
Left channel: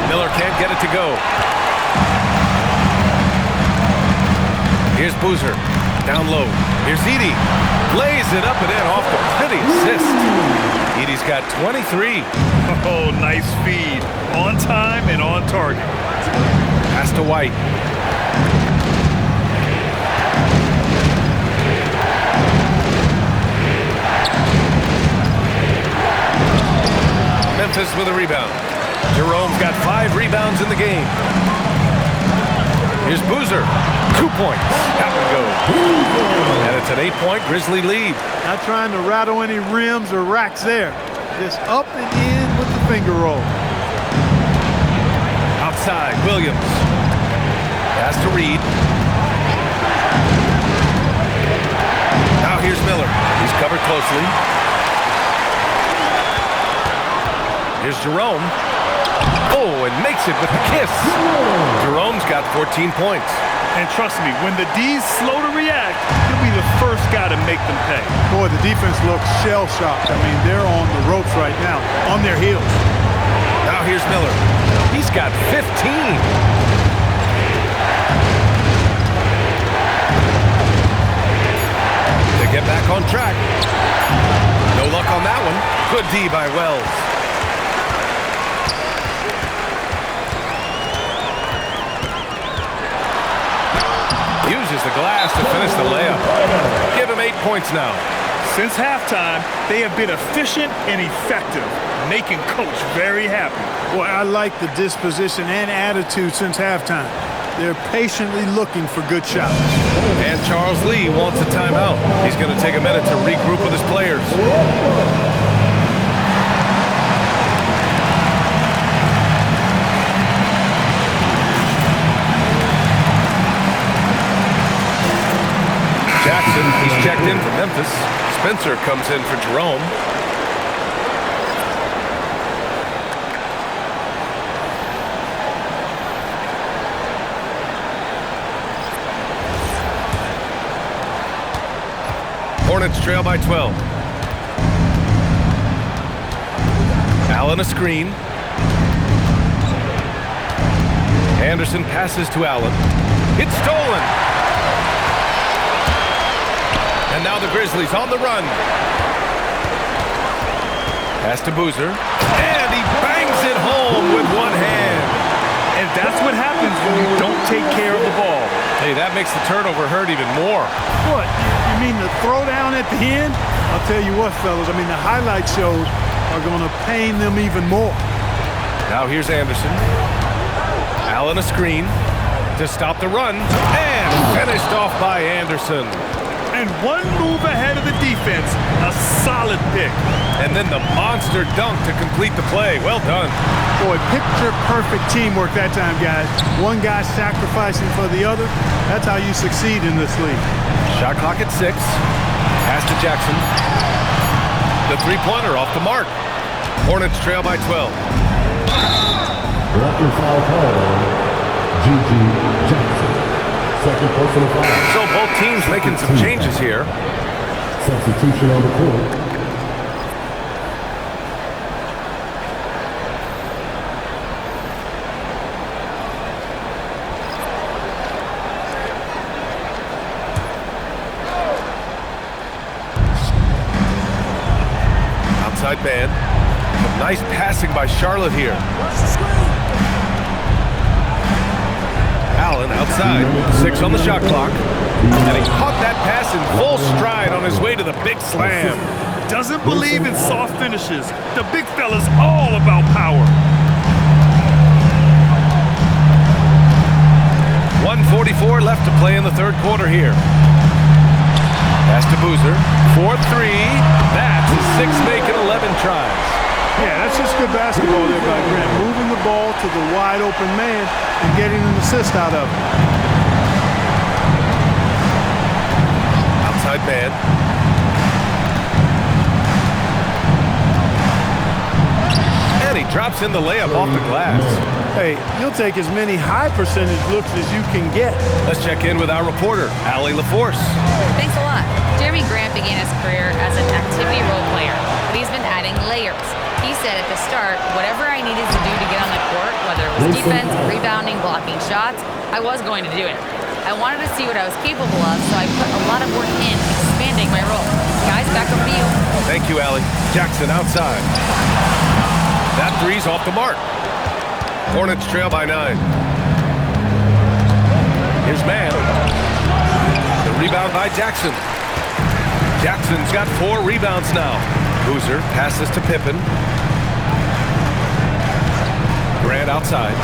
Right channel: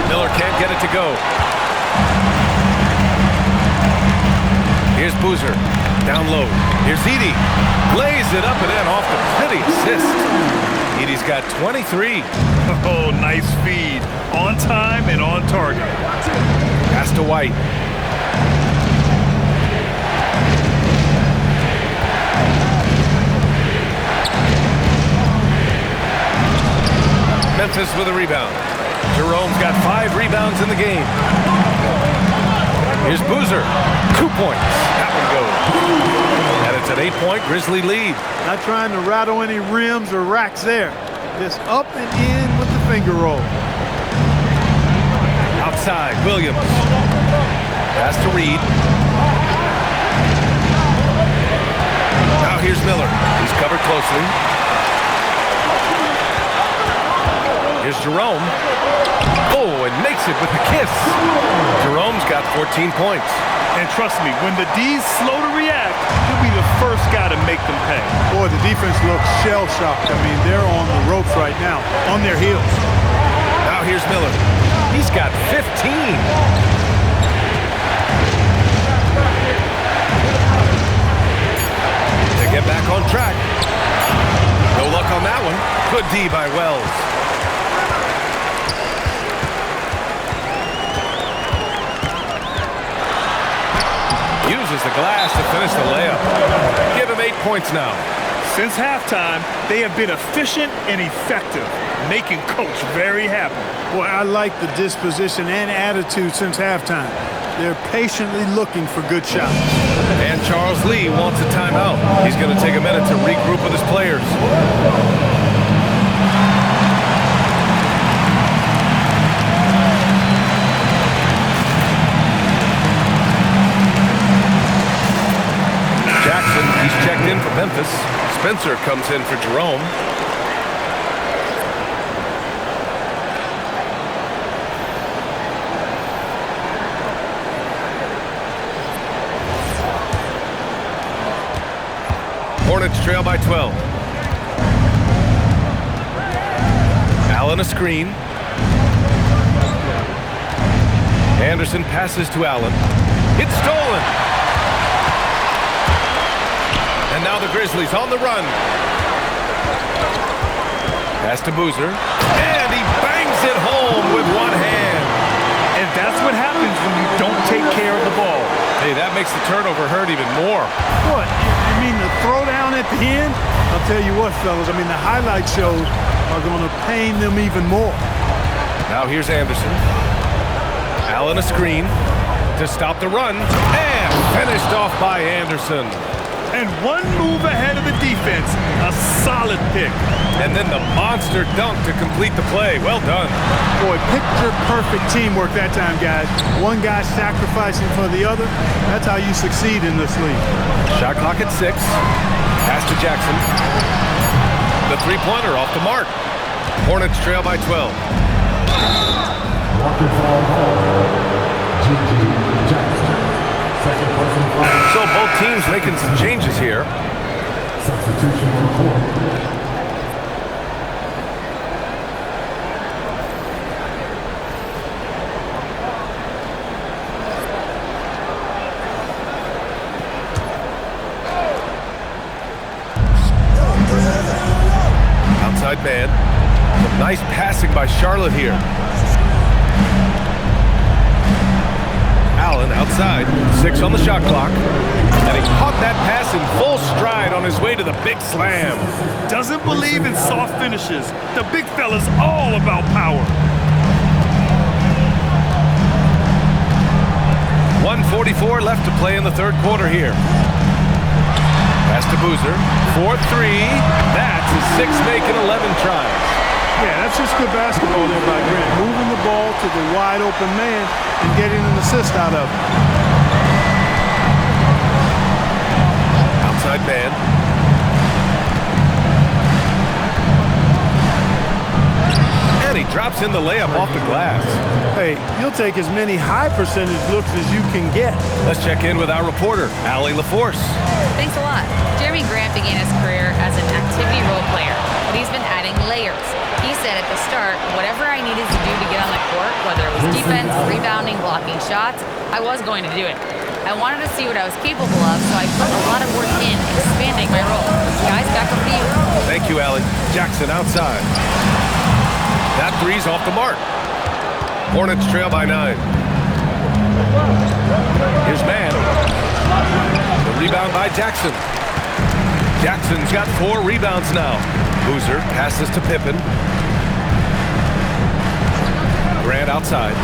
Miller can't get it to go. Here's Boozer. Down low. Here's Edey. Lays it up and in off the pretty assist. Edey's got 23. Oh, nice feed. On time and on target. Pass to White. Memphis with a rebound. Jerome's got 5 rebounds in the game. Here's Boozer. 2 points. That one goes. And it's an 8-point Grizzly lead. Not trying to rattle any rims or racks there. Just up and in with the finger roll. Outside, Williams. Pass to Reed. Now here's Miller. He's covered closely. Here's Jerome. Oh, and makes it with the kiss. Jerome's got 14 points. And trust me, when the D's slow to react, he'll be the first guy to make them pay. Boy, the defense looks shell-shocked. I mean, they're on the ropes right now, on their heels. Now here's Miller. He's got 15. To get back on track. No No luck on that one. Good D by Wells. Uses the glass to finish the layup. Give him 8 points now. Since halftime, they have been efficient and effective, making Coach very happy. Boy, I like the disposition and attitude since halftime. They're patiently looking for good shots. And Charles Lee wants a timeout. He's going to take a minute to regroup with his players. Jackson, he's checked in for Memphis. Spencer comes in for Jerome. Hornets trail by 12. Allen a screen. Anderson passes to Allen. It's stolen. And now the Grizzlies on the run. Pass to Boozer. And he bangs it home with one hand. And that's what happens when you don't take care of the ball. Hey, that makes the turnover hurt even more. What, you mean the throwdown at the end? I'll tell you what, fellas, I mean the highlight shows are going to pain them even more. Now here's Anderson. Allen a screen to stop the run. And finished off by Anderson. And one move ahead of the defense. A solid pick. And then the monster dunk to complete the play. Well done. Boy, picture-perfect teamwork that time, guys. One guy sacrificing for the other. That's how you succeed in this league. Shot clock at 6. Pass to Jackson. The three-pointer off the mark. Hornets trail by 12. Walking foul call. G.G. Jackson. Second personal foul. So both teams making some changes here. Substitution on the court. Outside man. Some nice passing by Charlotte here. Allen outside, 6 on the shot clock. And he caught that pass in full stride on his way to the big slam. Doesn't believe in soft finishes. The big fella's all about power. 1:44 left to play in the third quarter here. Pass to Boozer. 4-3. That's his 6th make in 11 tries. Yeah, that's just good basketball there by Grant. Moving the ball to the wide open man and getting an assist out of it. Outside man. And he drops in the layup off the glass. Hey, you'll take as many high percentage looks as you can get. Let's check in with our reporter, Allie LaForce. Thanks a lot. Jeremy Grant began his career as an activity role player, but he's been adding layers. He said at the start, whatever I needed to do to get on the court, whether it was defense, rebounding, blocking shots, I was going to do it. I wanted to see what I was capable of, so I put a lot of work in expanding my role. Guys, back over to you. Thank you, Allie. Jackson outside. That three's off the mark. Hornets trail by 9. Here's man. The rebound by Jackson. Jackson's got 4 rebounds now. Boozer passes to Pippen. Grant outside.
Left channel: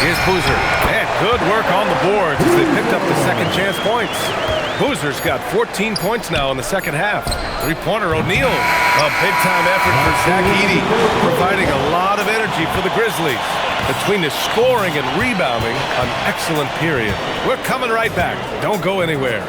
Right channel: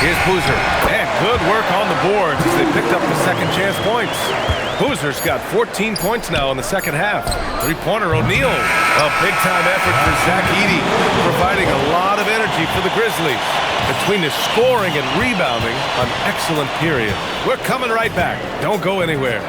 Here's Boozer. And good work on the boards as they picked up the second chance points. Boozer's got 14 points now in the second half. Three-pointer O'Neal. A big-time effort for Zach Edey, providing a lot of energy for the Grizzlies. Between the scoring and rebounding, an excellent period. We're coming right back. Don't go anywhere.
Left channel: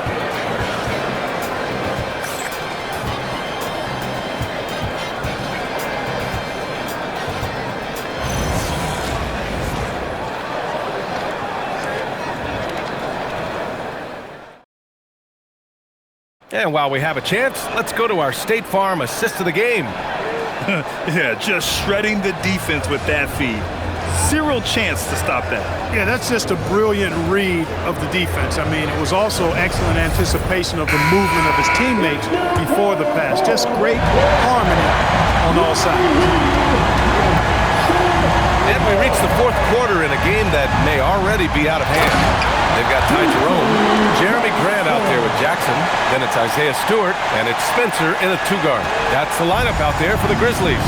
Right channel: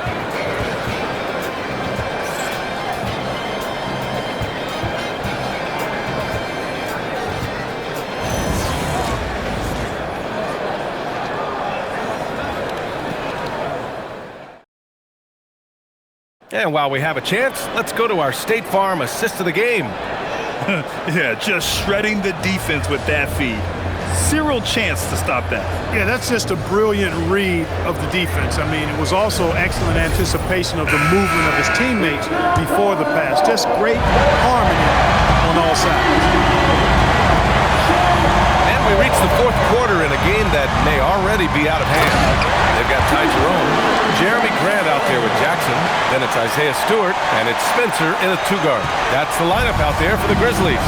And while we have a chance, let's go to our State Farm assist of the game. Yeah, just shredding the defense with that feed. Zero chance to stop that. Yeah, that's just a brilliant read of the defense. I mean, it was also excellent anticipation of the movement of his teammates before the pass. Just great harmony on all sides. And we reach the fourth quarter in a game that may already be out of hand. They've got Ty Jerome, Jeremy Grant out there with Jackson. Then it's Isaiah Stewart, and it's Spencer in a two-guard. That's the lineup out there for the Grizzlies.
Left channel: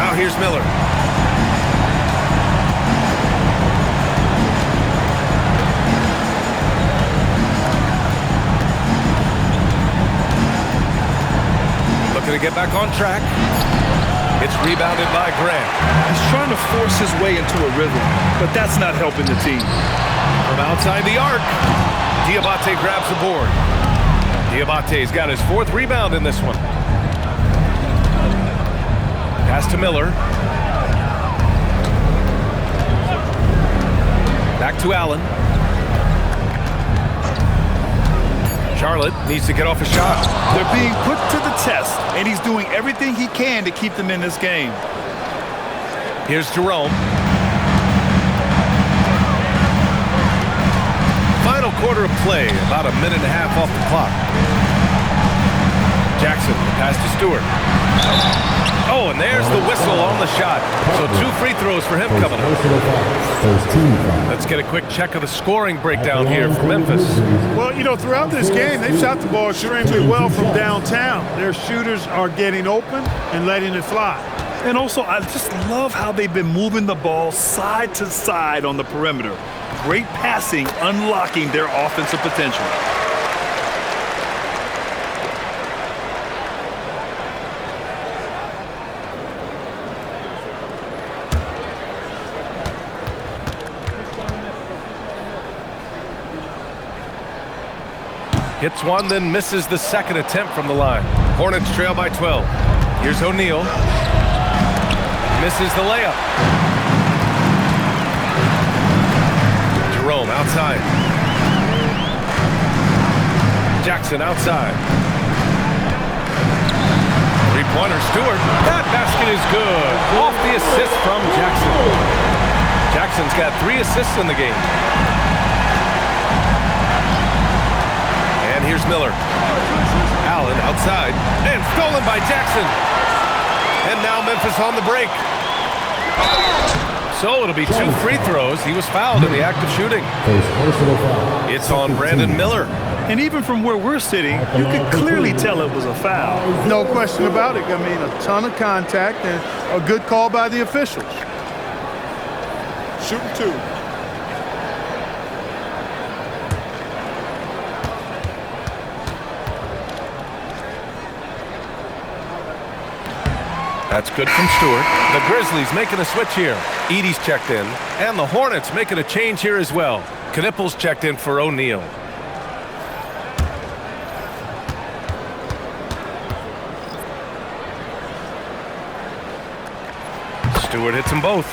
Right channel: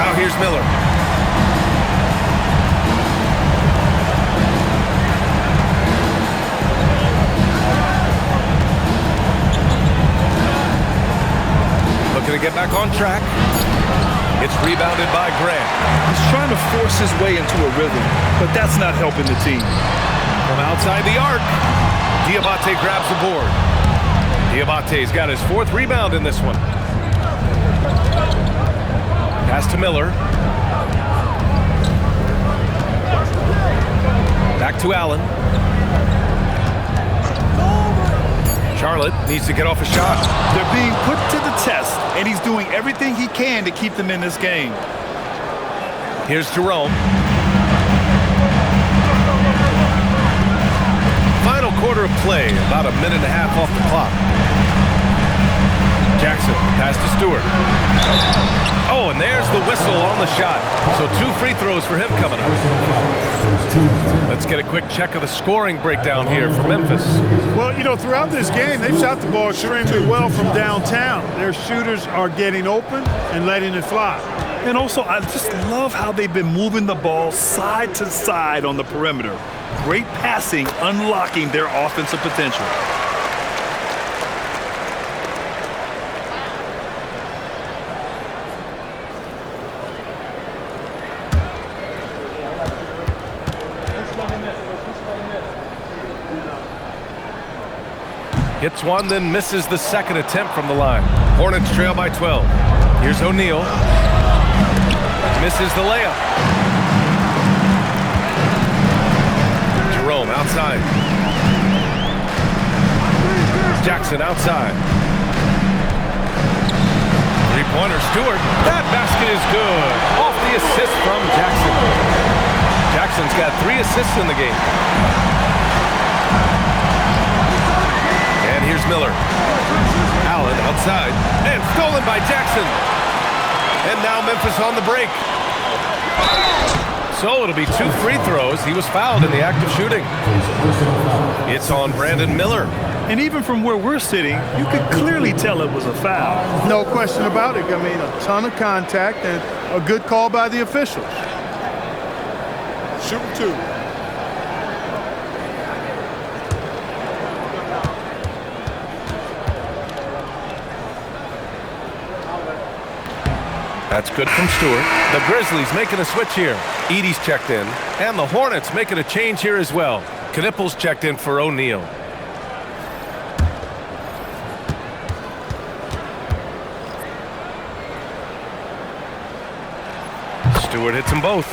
Now here's Miller. Looking to get back on track. It's rebounded by Grant. He's trying to force his way into a rhythm, but that's not helping the team. From outside the arc, Diabate grabs the board. Diabate's got his fourth rebound in this one. Pass to Miller. Back to Allen. Charlotte needs to get off a shot. They're being put to the test, and he's doing everything he can to keep them in this game. Here's Jerome. Final quarter of play, about a minute and a half off the clock. Jackson, the pass to Stewart. Oh, and there's the whistle on the shot. So 2 free throws for him coming up. Let's get a quick check of the scoring breakdown here for Memphis. Well, you know, throughout this game, they've shot the ball extremely well from downtown. Their shooters are getting open and letting it fly. And also, I just love how they've been moving the ball side to side on the perimeter. Great passing, unlocking their offensive potential. Hits one, then misses the second attempt from the line. Hornets trail by 12. Here's O'Neal. Misses the layup. Jerome outside. Jackson outside. Three-pointer, Stewart. That basket is good. Off the assist from Jackson. Jackson's got 3 assists in the game. And here's Miller. Allen outside. And stolen by Jackson. And now Memphis on the break. So it'll be 2 free throws. He was fouled in the act of shooting. It's on Brandon Miller. And even from where we're sitting, you could clearly tell it was a foul. No question about it. I mean, a ton of contact and a good call by the officials. Shooting 2. That's good from Stewart. The Grizzlies making a switch here. Edey's checked in. And the Hornets making a change here as well. Knippel's checked in for O'Neal. Stewart hits them both.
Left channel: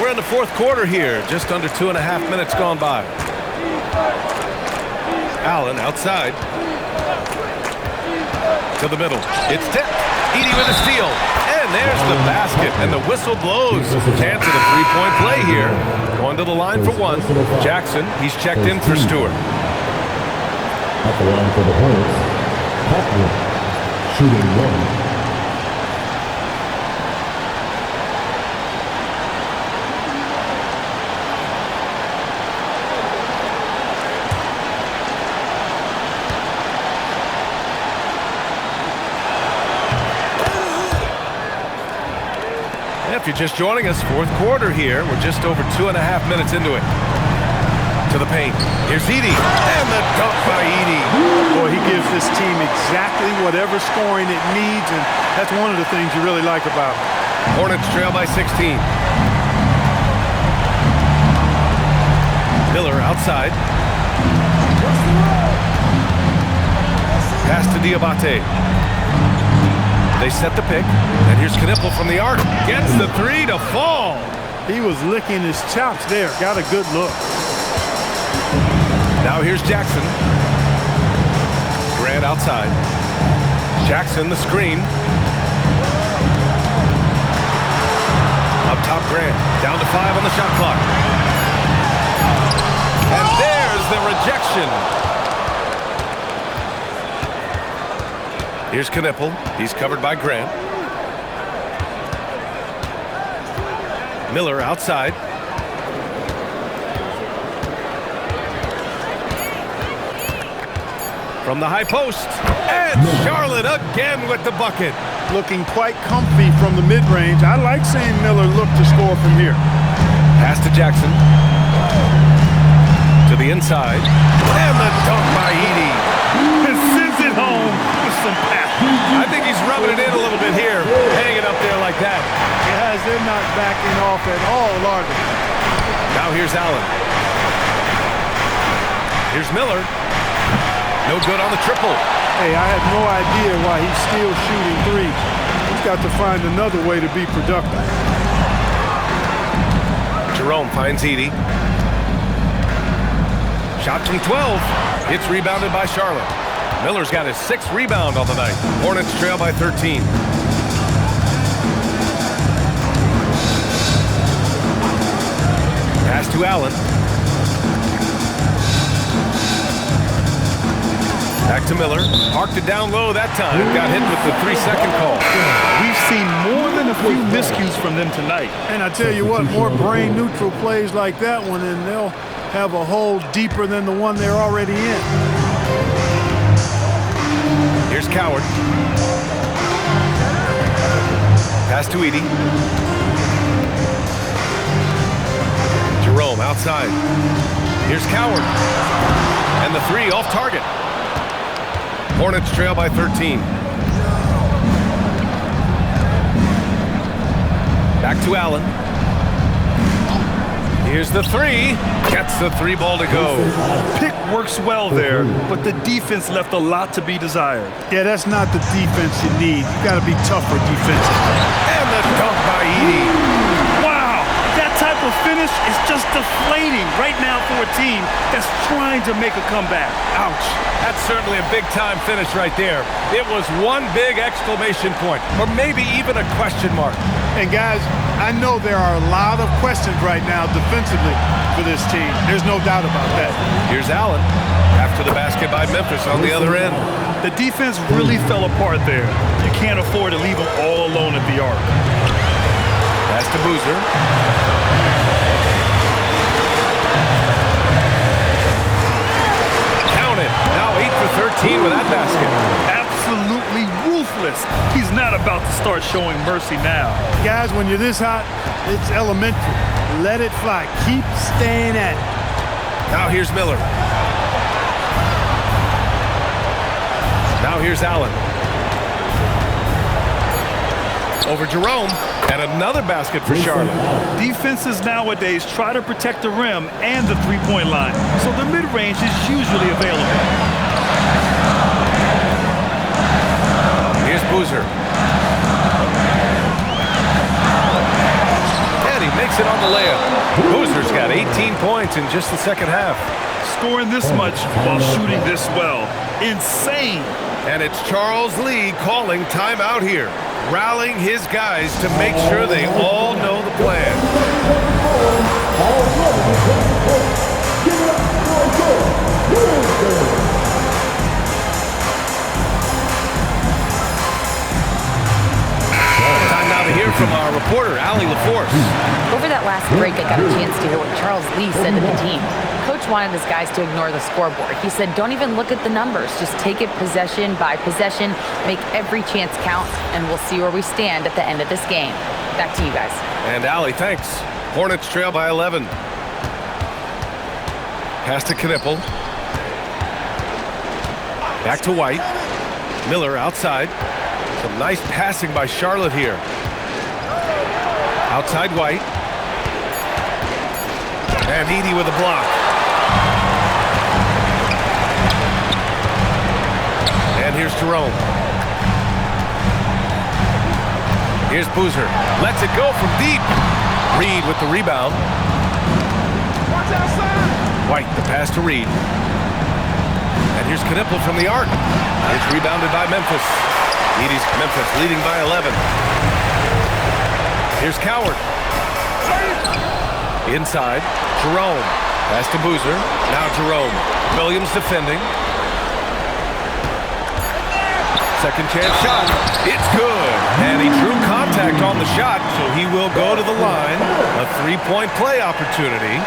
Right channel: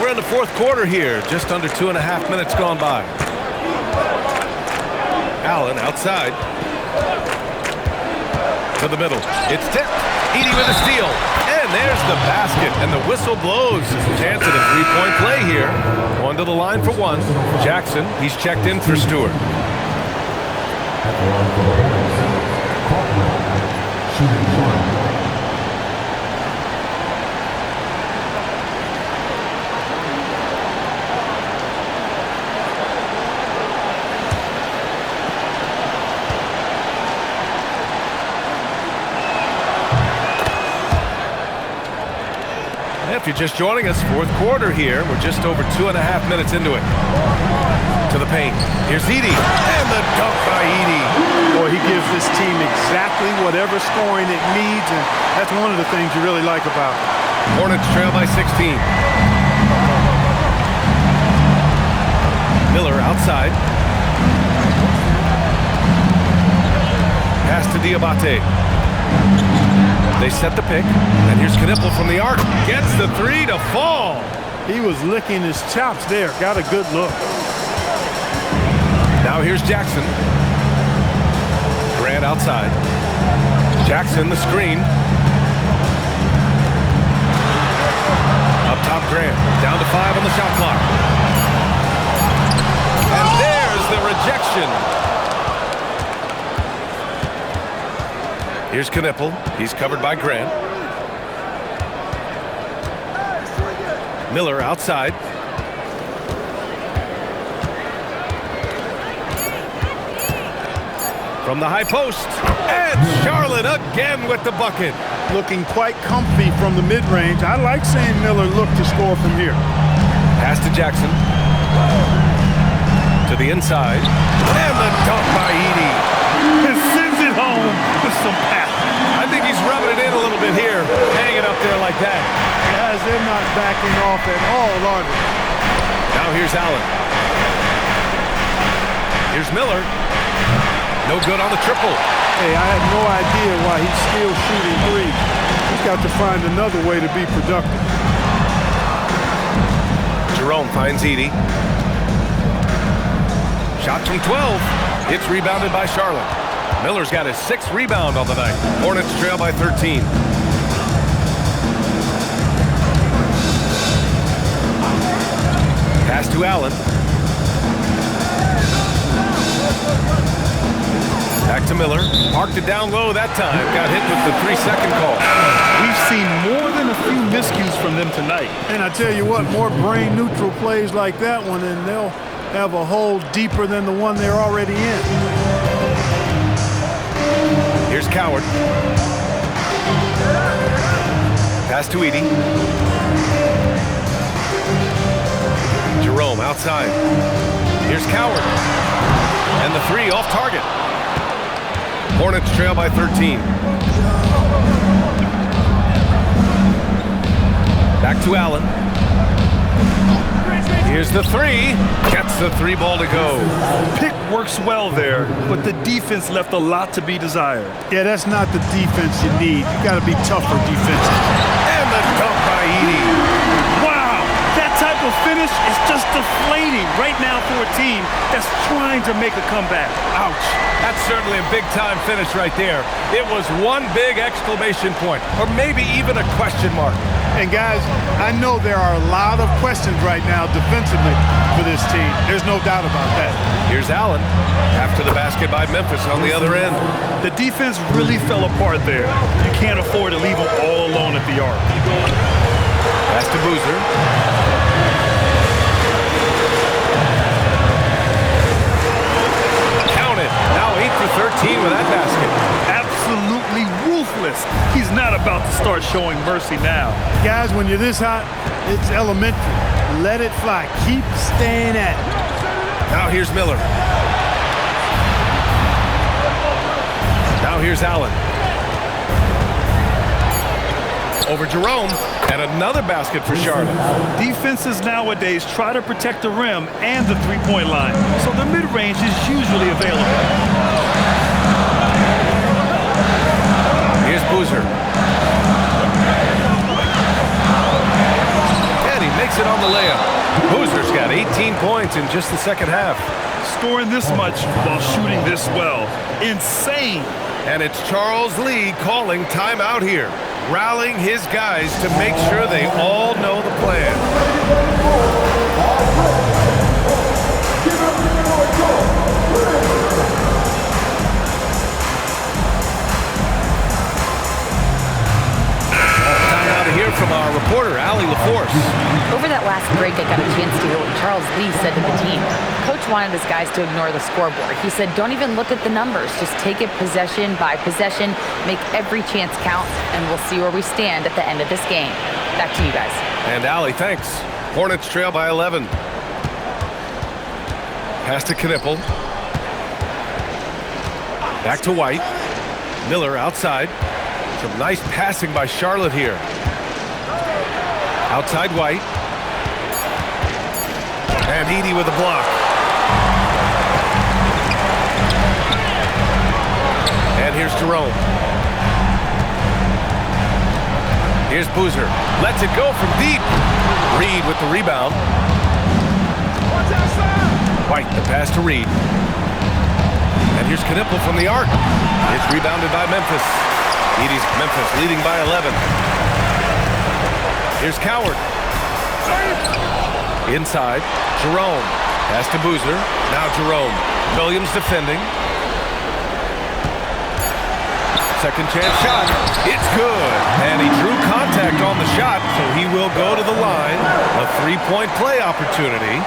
We're in the fourth quarter here. Just under 2.5 minutes gone by. Allen outside. To the middle. It's tipped. Edey with a steal. And there's the basket. And the whistle blows. Chance at a 3-point play here. Going to the line for 1. Jackson, he's checked in for Stewart. At the line for the Hornets, Copeland, shooting 1. If you're just joining us, fourth quarter here. We're just over 2.5 minutes into it. To the paint. Here's Edey. And the dunk by Edey. Boy, he gives this team exactly whatever scoring it needs, and that's one of the things you really like about him. Hornets trail by 16. Miller outside. Pass to Diabate. They set the pick, and here's Knippel from the arc. Gets the 3 to fall. He was licking his chops there. Got a good look. Now here's Jackson. Grant outside. Jackson the screen. Up top, Grant. Down to 5 on the shot clock. And there's the rejection. Here's Knipple. He's covered by Grant. Miller outside. From the high post. And Charlotte again with the bucket. Looking quite comfy from the mid-range. I like seeing Miller look to score from here. Pass to Jackson. To the inside. And the dunk by Edey. And sends it home with some passion. I think he's rubbing it in a little bit here, hanging up there like that. Guys, they're not backing off at all, are they? Now here's Allen. Here's Miller. No good on the triple. Hey, I have no idea why he's still shooting threes. He's got to find another way to be productive. Jerome finds Edey. Shot from 12. It's rebounded by Charlotte. Miller's got his 6th rebound on the night. Hornets trail by 13. Pass to Allen. Back to Miller. Parked it down low that time. Got hit with the 3-second call. We've seen more than a few miscues from them tonight. And I tell you what, more brain-neutral plays like that one, and they'll have a hole deeper than the one they're already in. Here's Coward. Pass to Edey. Jerome outside. Here's Coward. And the 3 off target. Hornets trail by 13. Back to Allen. Here's the 3. Gets the 3 ball to go. Pick works well there, but the defense left a lot to be desired. Yeah, that's not the defense you need. You got to be tougher defensively. And the dunk by Edey. Wow, that type of finish is just deflating right now for a team that's trying to make a comeback. Ouch. That's certainly a big-time finish right there. It was one big exclamation point, or maybe even a question mark. And guys, I know there are a lot of questions right now defensively for this team. There's no doubt about that. Here's Allen. After the basket by Memphis on the other end. The defense really fell apart there. You can't afford to leave them all alone at the arc. Pass to Boozer. Count it. Now 8 for 13 with that basket. Absolutely ruthless. He's not about to start showing mercy now. Guys, when you're this hot, it's elementary. Let it fly. Keep staying at it. Now here's Miller. Now here's Allen. Over Jerome. And another basket for Charlotte. Defenses nowadays try to protect the rim and the three-point line, so the mid-range is usually available. Here's Boozer. And he makes it on the layup. Boozer's got 18 points in just the second half. Scoring this much while shooting this well. Insane. And it's Charles Lee calling timeout here, rallying his guys to make sure they all know the plan. Time now to hear from our reporter, Allie LaForce. Over that last break, I got a chance to hear what Charles Lee said to the team. Coach wanted his guys to ignore the scoreboard. He said, don't even look at the numbers. Just take it possession by possession, make every chance count, and we'll see where we stand at the end of this game. Back to you guys. And Allie, thanks. Hornets trail by 11. Pass to Knipple. Back to White. Miller outside. Some nice passing by Charlotte here. Outside White. And Edey with a block. And here's Jerome. Here's Boozer. Lets it go from deep. Reed with the rebound. White, the pass to Reed. And here's Knipple from the arc. It's rebounded by Memphis. Edey's Memphis leading by 11. Here's Coward. Inside, Jerome. Pass to Boozer. Now Jerome. Williams defending. Second chance shot. It's good. And he drew contact on the shot, so he will go to the line. A three-point play opportunity.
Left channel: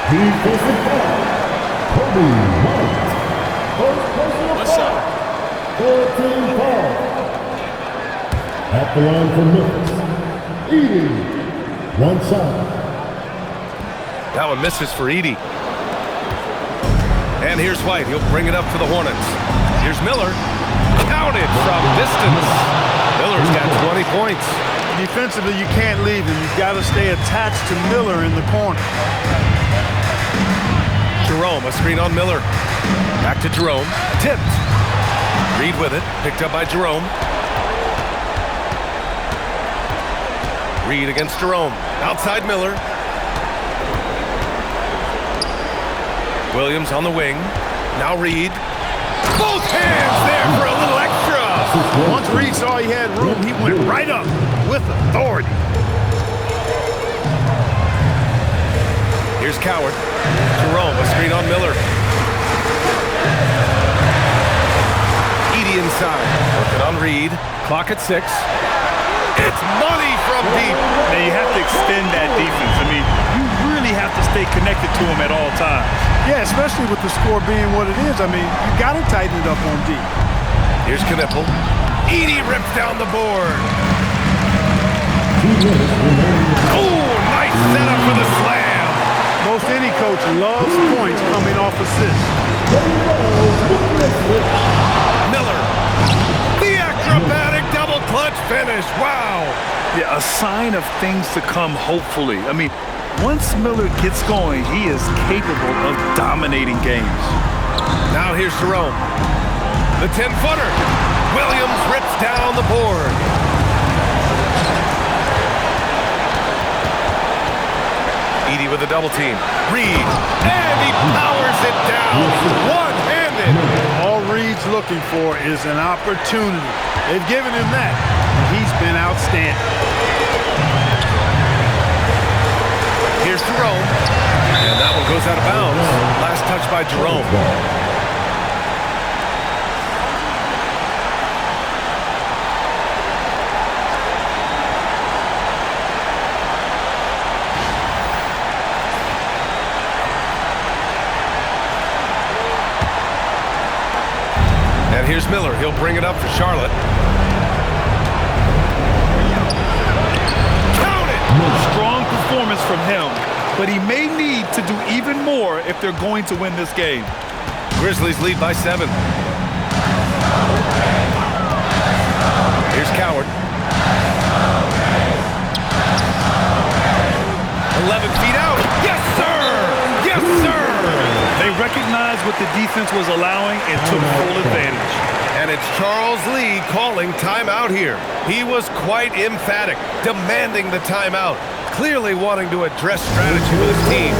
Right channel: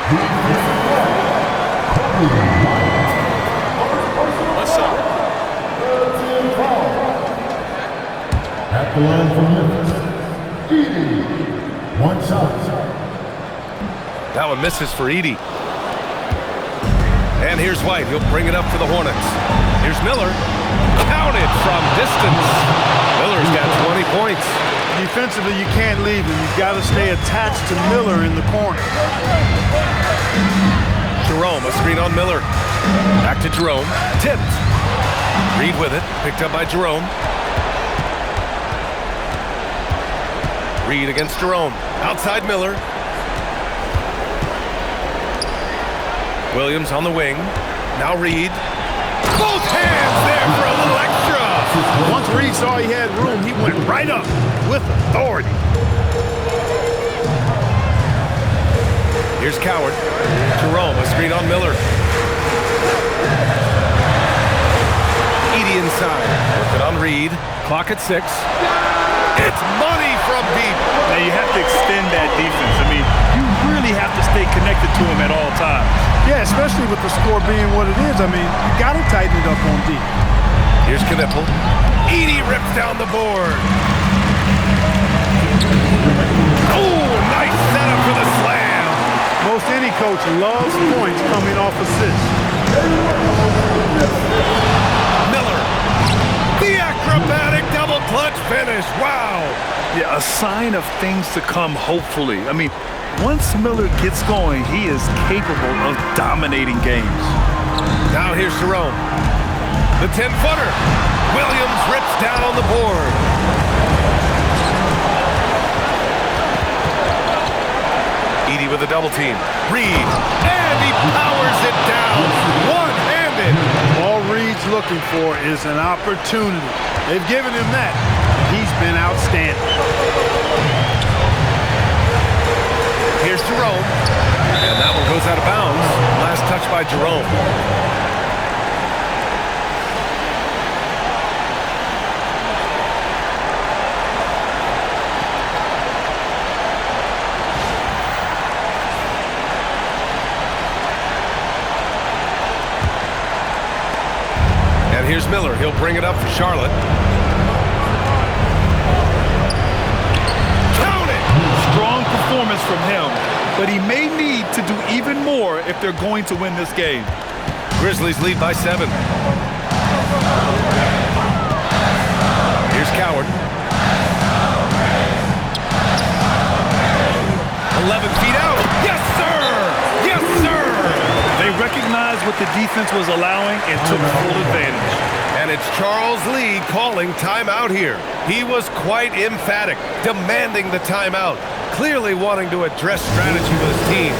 What's up? At the line for Memphis, Edey. One shot. That one misses for Edey. And here's White. He'll bring it up for the Hornets. Here's Miller. Counted from distance. Miller's got 20 points. Defensively, you can't leave him. You've got to stay attached to Miller in the corner. Jerome, a screen on Miller. Back to Jerome. Tipped. Reed with it. Picked up by Jerome. Reed against Jerome. Outside Miller. Williams on the wing. Now Reed. Both hands there for a little extra. Once Reed saw he had room, he went right up with authority. Here's Coward. Jerome, a screen on Miller. Edey inside. Working on Reed. Clock at 6. It's money from deep. Now you have to extend that defense. I mean, you really have to stay connected to him at all times. Yeah, especially with the score being what it is. I mean, you got to tighten it up on deep. Here's Knipple. Edey rips down the board. Oh, nice setup for the slam. Most any coach loves points coming off assists. Miller. The acrobatic double clutch finish. Wow. Yeah, a sign of things to come, hopefully. I mean, once Miller gets going, he is capable of dominating games. Now here's Jerome. The 10-footer. Williams rips down the board. Edey with a double team. Reed. And he powers it down. One-handed. All Reed's looking for is an opportunity. They've given him that, and he's been outstanding. Here's Jerome. And that one goes out of bounds. Last touch by Jerome. And here's Miller. He'll bring it up for Charlotte. Count it! Strong performance from him, but he may need to do even more if they're going to win this game. Grizzlies lead by 7. Here's Coward. 11 feet out. Yes, sir! Yes, sir! They recognized what the defense was allowing and took full advantage. And it's Charles Lee calling timeout here. He was quite emphatic, demanding the timeout, clearly wanting to address strategy with his team.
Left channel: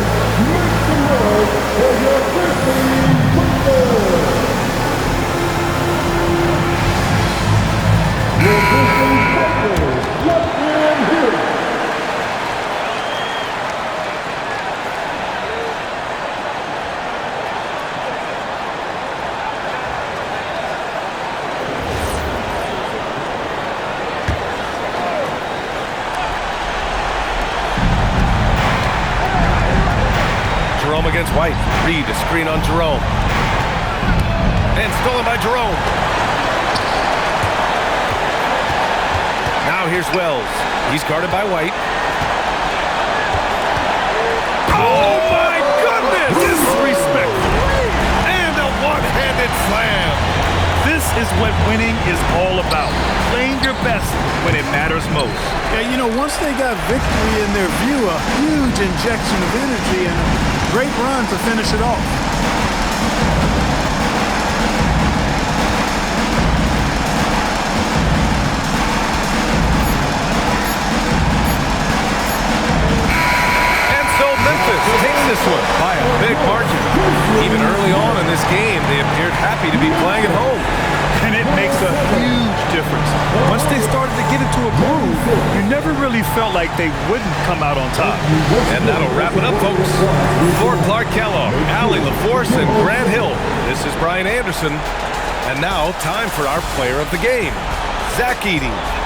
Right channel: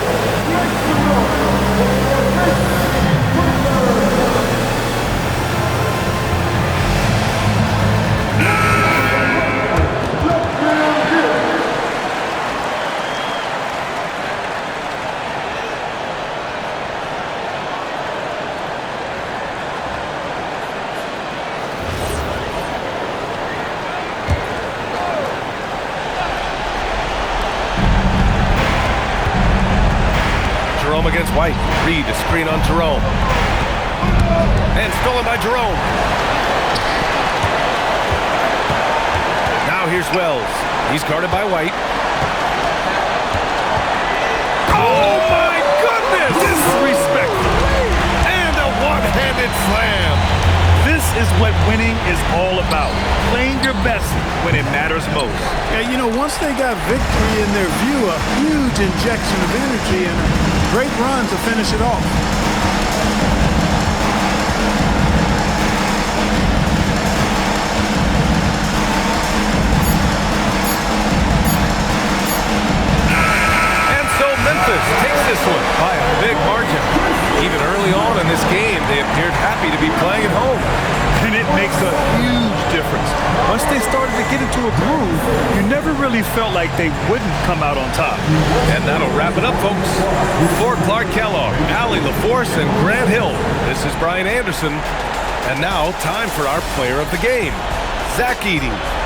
Jerome against White. Reed, a screen on Jerome. And stolen by Jerome. Now here's Wells. He's guarded by White. Oh my goodness! Disrespectful. And a one-handed slam. This is what winning is all about. Playing your best when it matters most. Yeah, you know, once they got victory in their view, a huge injection of energy and a great run to finish it off. And so Memphis takes this one by a big margin. Even early on in this game, they appeared happy to be playing at home. and it makes a huge difference. Once they started to get into a groove, you never really felt like they wouldn't come out on top. And that'll wrap it up, folks. For Clark Kellogg, Allie LaForce, and Grant Hill, this is Brian Anderson. And now, time for our player of the game, Zach Edey.